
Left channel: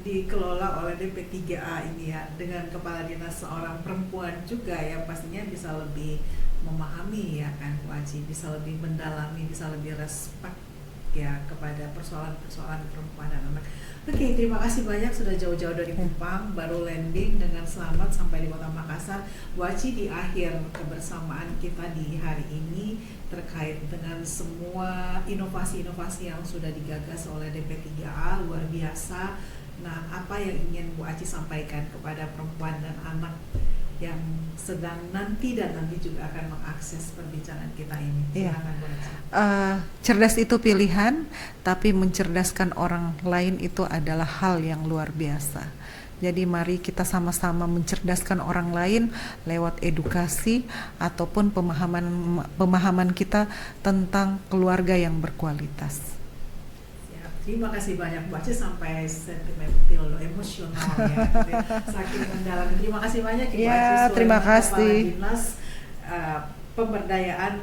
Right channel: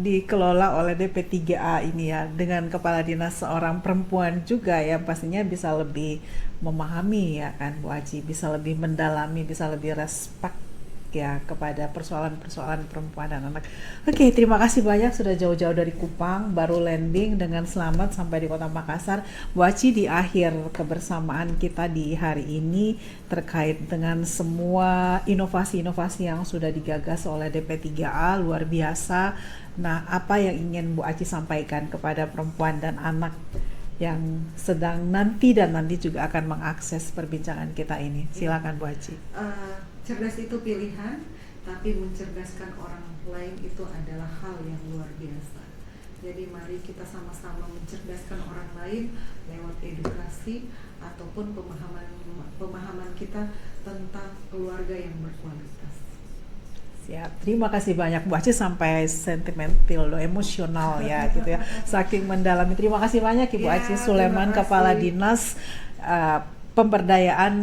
dikelola oleh DP3A ini ya, dengan kepala dinas seorang perempuan juga ya, pastinya bisa lebih memahami ya kan Bu Aji, bisa lebih mendalami, bisa lebih respect ya kepada persoalan-persoalan perempuan dan anak. Oke, terima kasih banyak sudah jauh-jauh dari Kupang, baru landing dengan selamat sampai di Kota Makassar. Bu Aci, di akhir kebersamaan kita di hari ini terkait dengan semua inovasi-inovasi yang sudah digagas oleh DP3A, luar biasa. Nah, apa yang ingin Bu Aci sampaikan kepada perempuan dan anak yang sedang nanti dan nanti juga akan mengakses perbincangan kita ini? Silakan Bu Aci. Cerdas itu pilihan, tapi mencerdaskan orang lain itu adalah hal yang luar biasa. Jadi mari kita sama-sama mencerdaskan orang lain lewat edukasi ataupun pemahaman kita tentang keluarga yang berkualitas. Siap. Terima kasih banyak Bu Aci, sampai sentimental, emosional ya gitu ya. Saking mendalami. Terima kasih banyak Ibu Ya, Aci terima Sulaiman, kasih. Kepala Dinas Pemberdayaan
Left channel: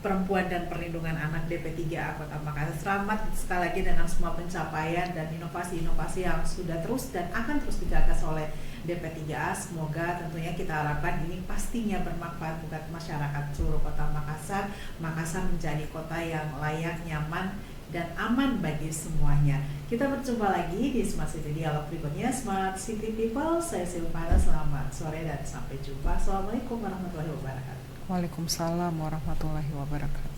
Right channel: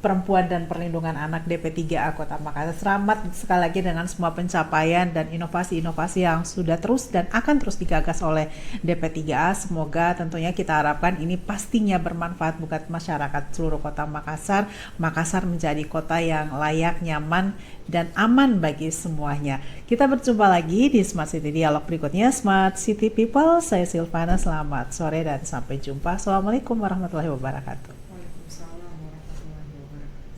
Perempuan dan Perlindungan Anak DP3A Kota Makassar. Selamat sekali lagi dengan semua pencapaian dan inovasi-inovasi yang sudah terus dan akan terus digagas oleh DP3A. Semoga tentunya kita harapkan ini pastinya bermanfaat buat masyarakat seluruh Kota Makassar. Makassar menjadi kota yang layak, nyaman, dan aman bagi semuanya. Kita berjumpa lagi di Smart City Dialog berikutnya. Smart City People, saya Silvana, selamat sore dan sampai jumpa. Assalamualaikum warahmatullahi wabarakatuh. Waalaikumsalam warahmatullahi wabarakatuh.